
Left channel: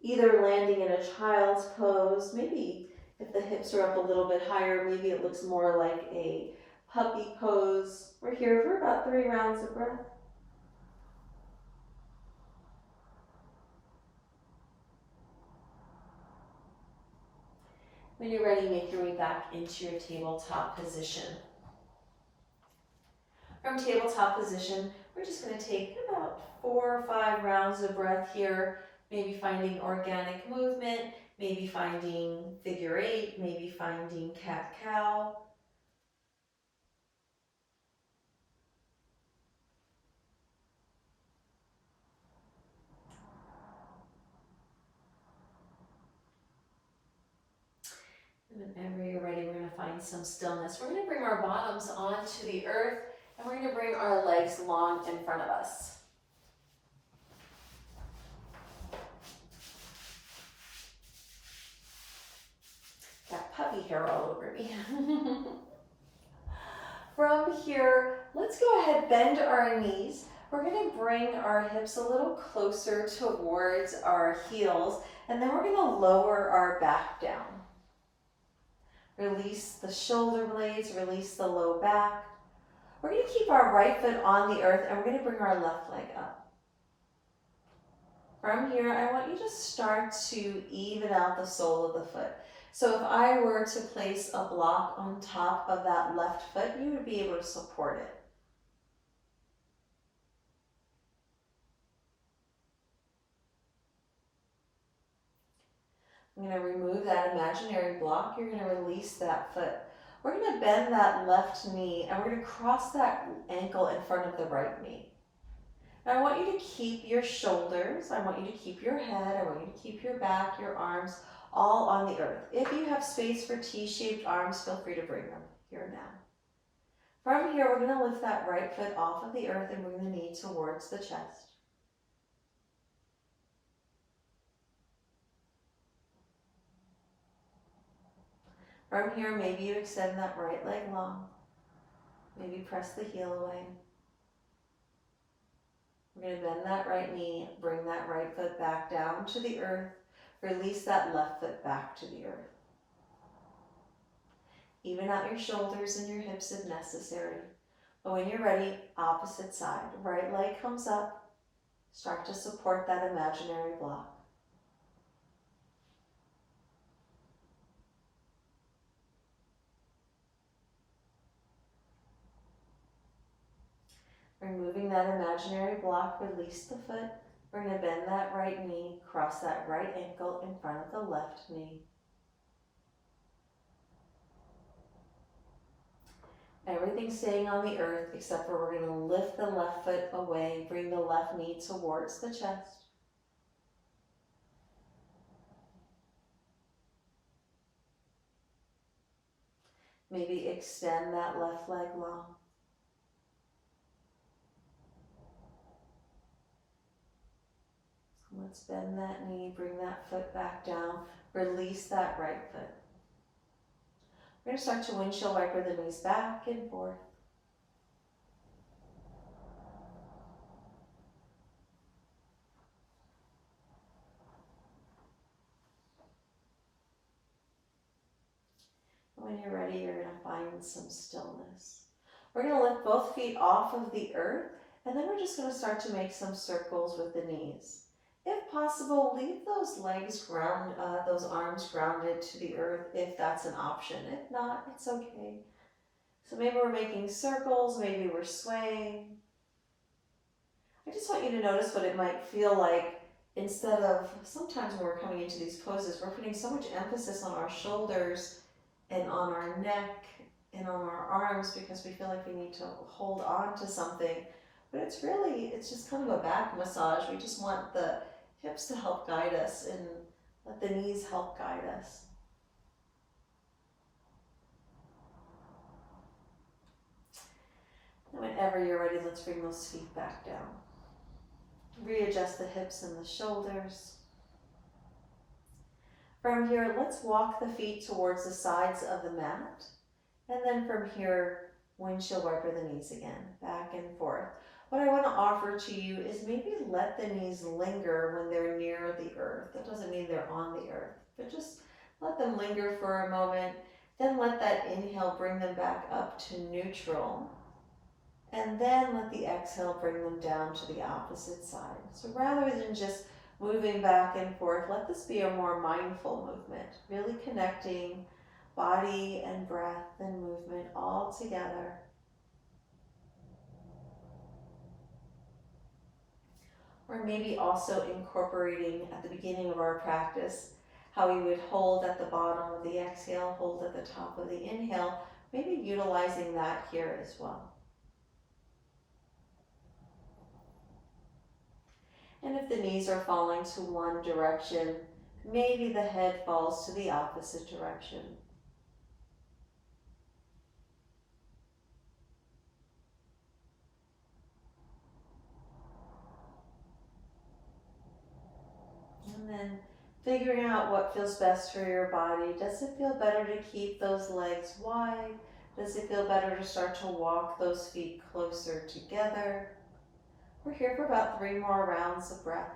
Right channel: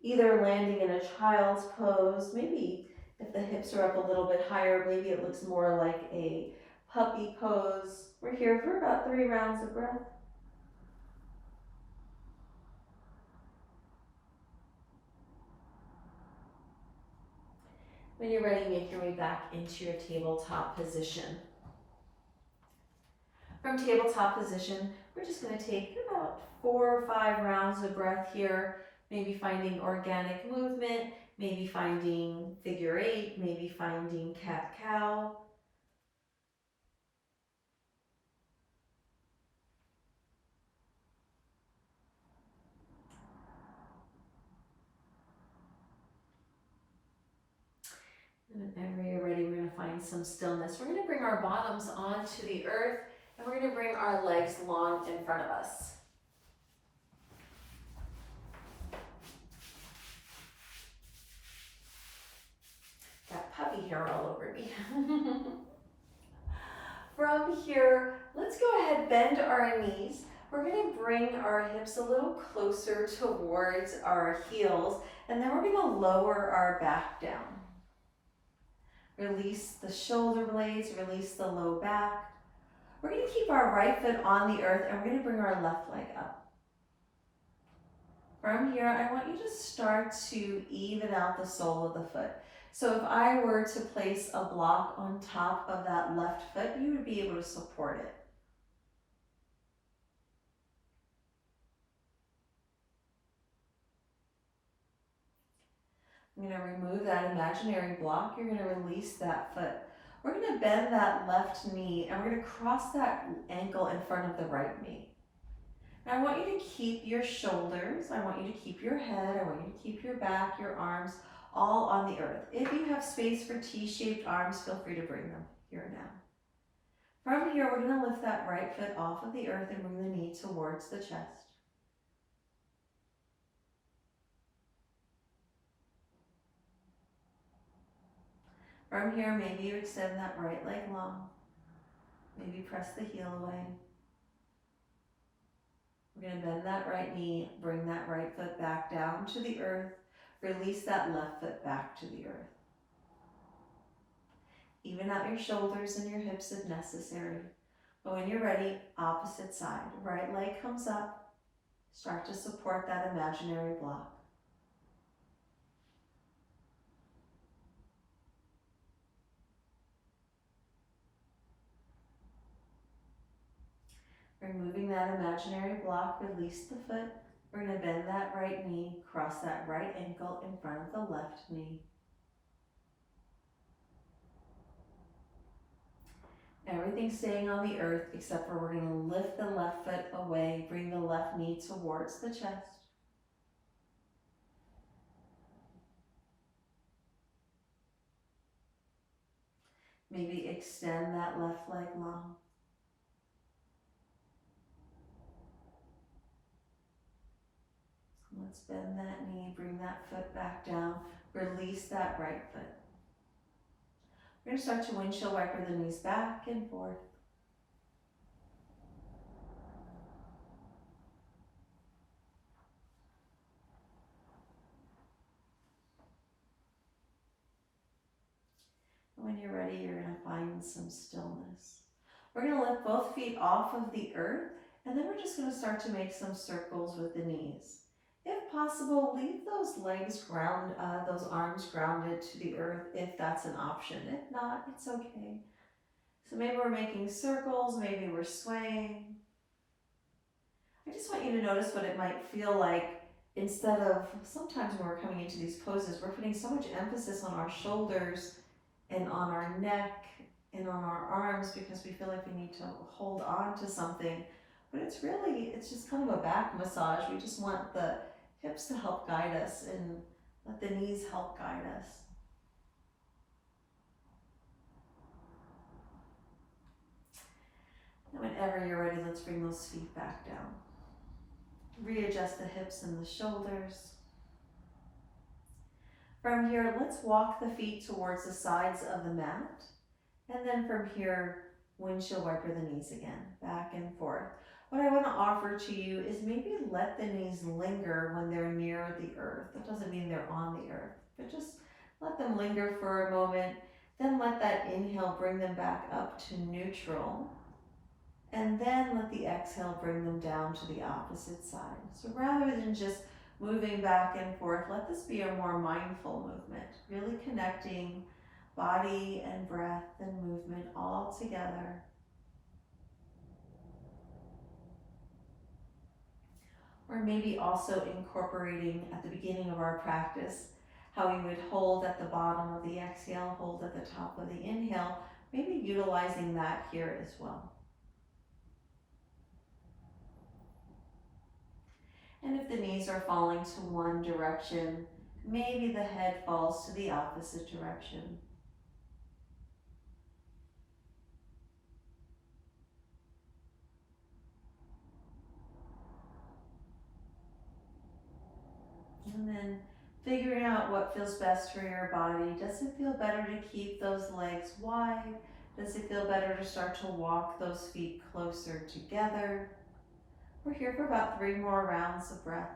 either landing in a child's pose. Maybe if the hips are up a little bit higher, maybe it looks more like a puppy pose. We're here for about 3 rounds of breath. When you're ready, make your way back into your tabletop position. From tabletop position, we're just going to take about 4 or 5 rounds of breath here, maybe finding organic movement, maybe finding figure 8, maybe finding cat-cow. And whenever you're ready, we're going to find some stillness. We're going to bring our bottoms onto the earth, and we're going to bring our legs long in front of us. Got puppy hair all over me. From here, let's go ahead, bend our knees. We're going to bring our hips a little closer towards our heels, and then we're going to lower our back down. Release the shoulder blades, release the low back. We're going to keep our right foot on the earth, and we're going to bring our left leg up. From here, I want you to start to even out the sole of the foot. So if I were to place a block on top of that left foot, you would be able to support it. I'm going to remove that imaginary block. You're going to release that foot. We're going to bend that left knee, and we're going to cross that ankle in front of the right knee. Now I want you to keep your shoulders, I want you to keep your head, I want you to keep your back, your arms, all on the earth. If you have space for T-shaped arms, feel free to bring them here now. From here, we're going to lift that right foot off of the earth and bring the knee towards the chest. From here, maybe you extend that right leg long. Maybe press the heel away. We're going to bend that right knee, bring that right foot back down to the earth, release that left foot back to the earth. Even out your shoulders and your hips if necessary. But when you're ready, opposite side. Right leg comes up. Start to support that imaginary block. Removing that imaginary block, release the foot. We're going to bend that right knee, cross that right ankle in front of the left knee. Everything's staying on the earth except for we're going to lift the left foot away, bring the left knee towards the chest. Maybe extend that left leg long. Let's bend that knee, bring that foot back down, release that right foot. We're going to start to windshield wiper the knees back and forth. When you're ready, you're going to find some stillness. We're going to lift both feet off of the earth, and then we're just going to start to make some circles with the knees. If possible, leave those legs those arms grounded to the earth if that's an option. If not, it's okay. So maybe we're making circles, maybe we're swaying. I just want you to notice what it might feel like instead of, sometimes when we're coming into these poses, we're putting so much emphasis on our shoulders and on our neck and on our arms because we feel like we need to hold on to something. But it's just kind of a back massage. We just want the hips to help guide us and let the knees help guide us. And whenever you're ready, let's bring those feet back down. Readjust the hips and the shoulders. From here, let's walk the feet towards the sides of the mat. And then from here, windshield wiper the knees again, back and forth. What I want to offer to you is maybe let the knees linger when they're near the earth. That doesn't mean they're on the earth, but just let them linger for a moment. Then let that inhale bring them back up to neutral. And then let the exhale bring them down to the opposite side. So rather than just moving back and forth, let this be a more mindful movement, really connecting body and breath and movement all together. Or maybe also incorporating at the beginning of our practice how we would hold at the bottom of the exhale, hold at the top of the inhale, maybe utilizing that here as well. And if the knees are falling to one direction, maybe the head falls to the opposite direction. And then figuring out what feels best for your body. Does it feel better to keep those legs wide? Does it feel better to start to walk those feet closer together? We're here for about 3 more rounds of breath.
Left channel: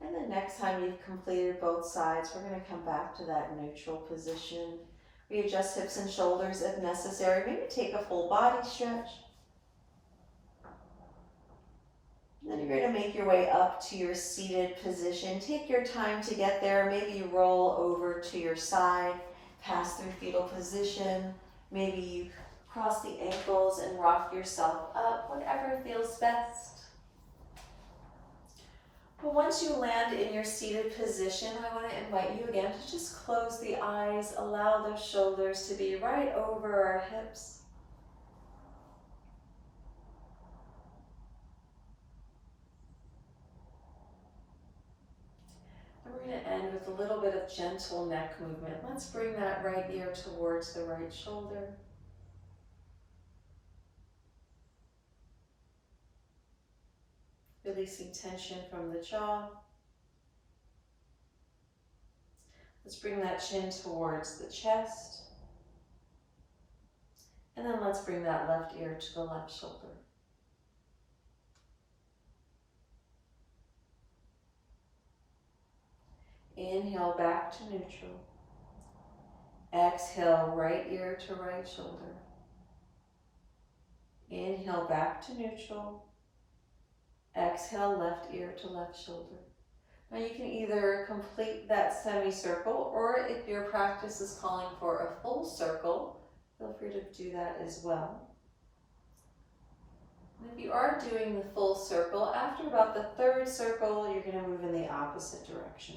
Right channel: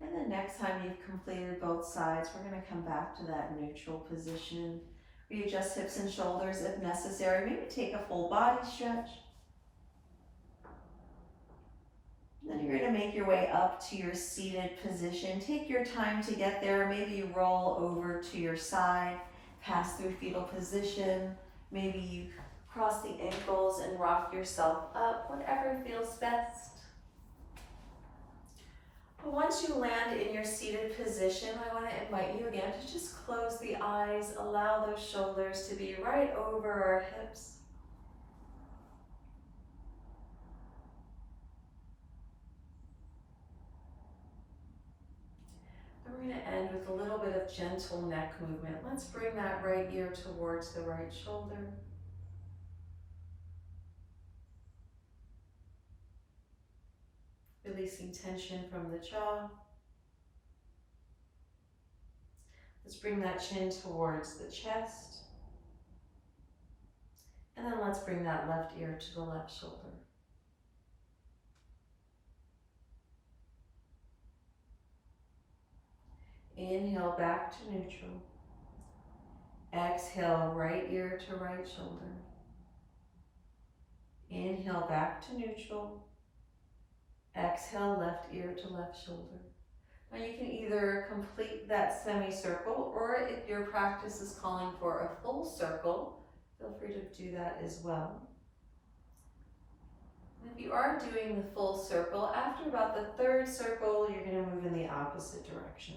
And the next time you've completed both sides, we're going to come back to that neutral position. Readjust hips and shoulders if necessary. Maybe take a full body stretch. And then you're going to make your way up to your seated position. Take your time to get there. Maybe you roll over to your side, pass through fetal position. Maybe you cross the ankles and rock yourself up, whatever feels best. But once you land in your seated position, I want to invite you again to just close the eyes, allow those shoulders to be right over our hips. And we're going to end with a little bit of gentle neck movement. Let's bring that right ear towards the right shoulder. Releasing tension from the jaw. Let's bring that chin towards the chest. And then let's bring that left ear to the left shoulder. Inhale back to neutral. Exhale, right ear to right shoulder. Inhale back to neutral. Exhale, left ear to left shoulder. Now you can either complete that semicircle, or if your practice is calling for a full circle, feel free to do that as well. And if you are doing the full circle, after about the third circle, you're going to move in the opposite direction.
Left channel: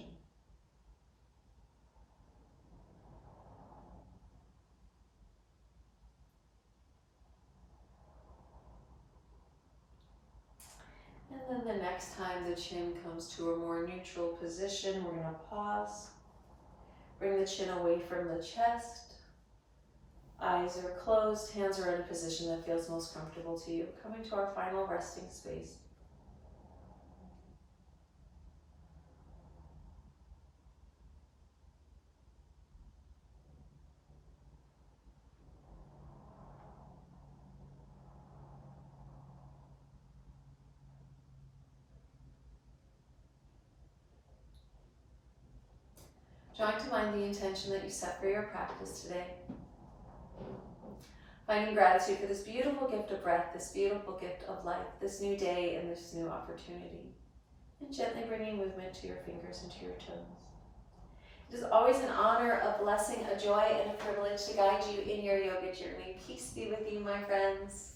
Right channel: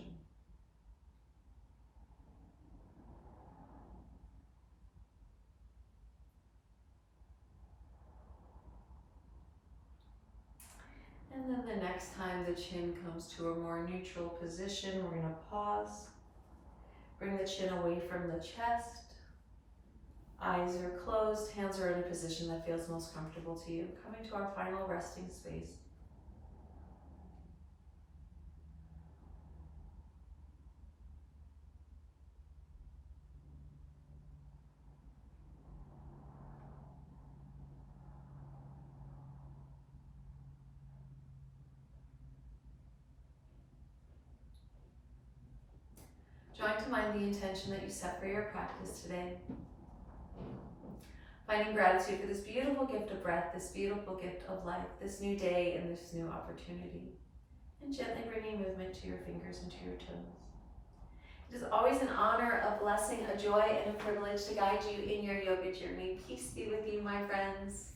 And then the next time the chin comes to a more neutral position, we're going to pause. Bring the chin away from the chest. Eyes are closed, hands are in a position that feels most comfortable to you. Coming to our final resting space. Drawing to mind the intention that you set for your practice today. Finding gratitude for this beautiful gift of breath, this beautiful gift of life, this new day and this new opportunity. And gently bringing movement to your fingers and to your toes. It is always an honor, a blessing, a joy, and a privilege to guide you in your yoga journey. Peace be with you, my friends.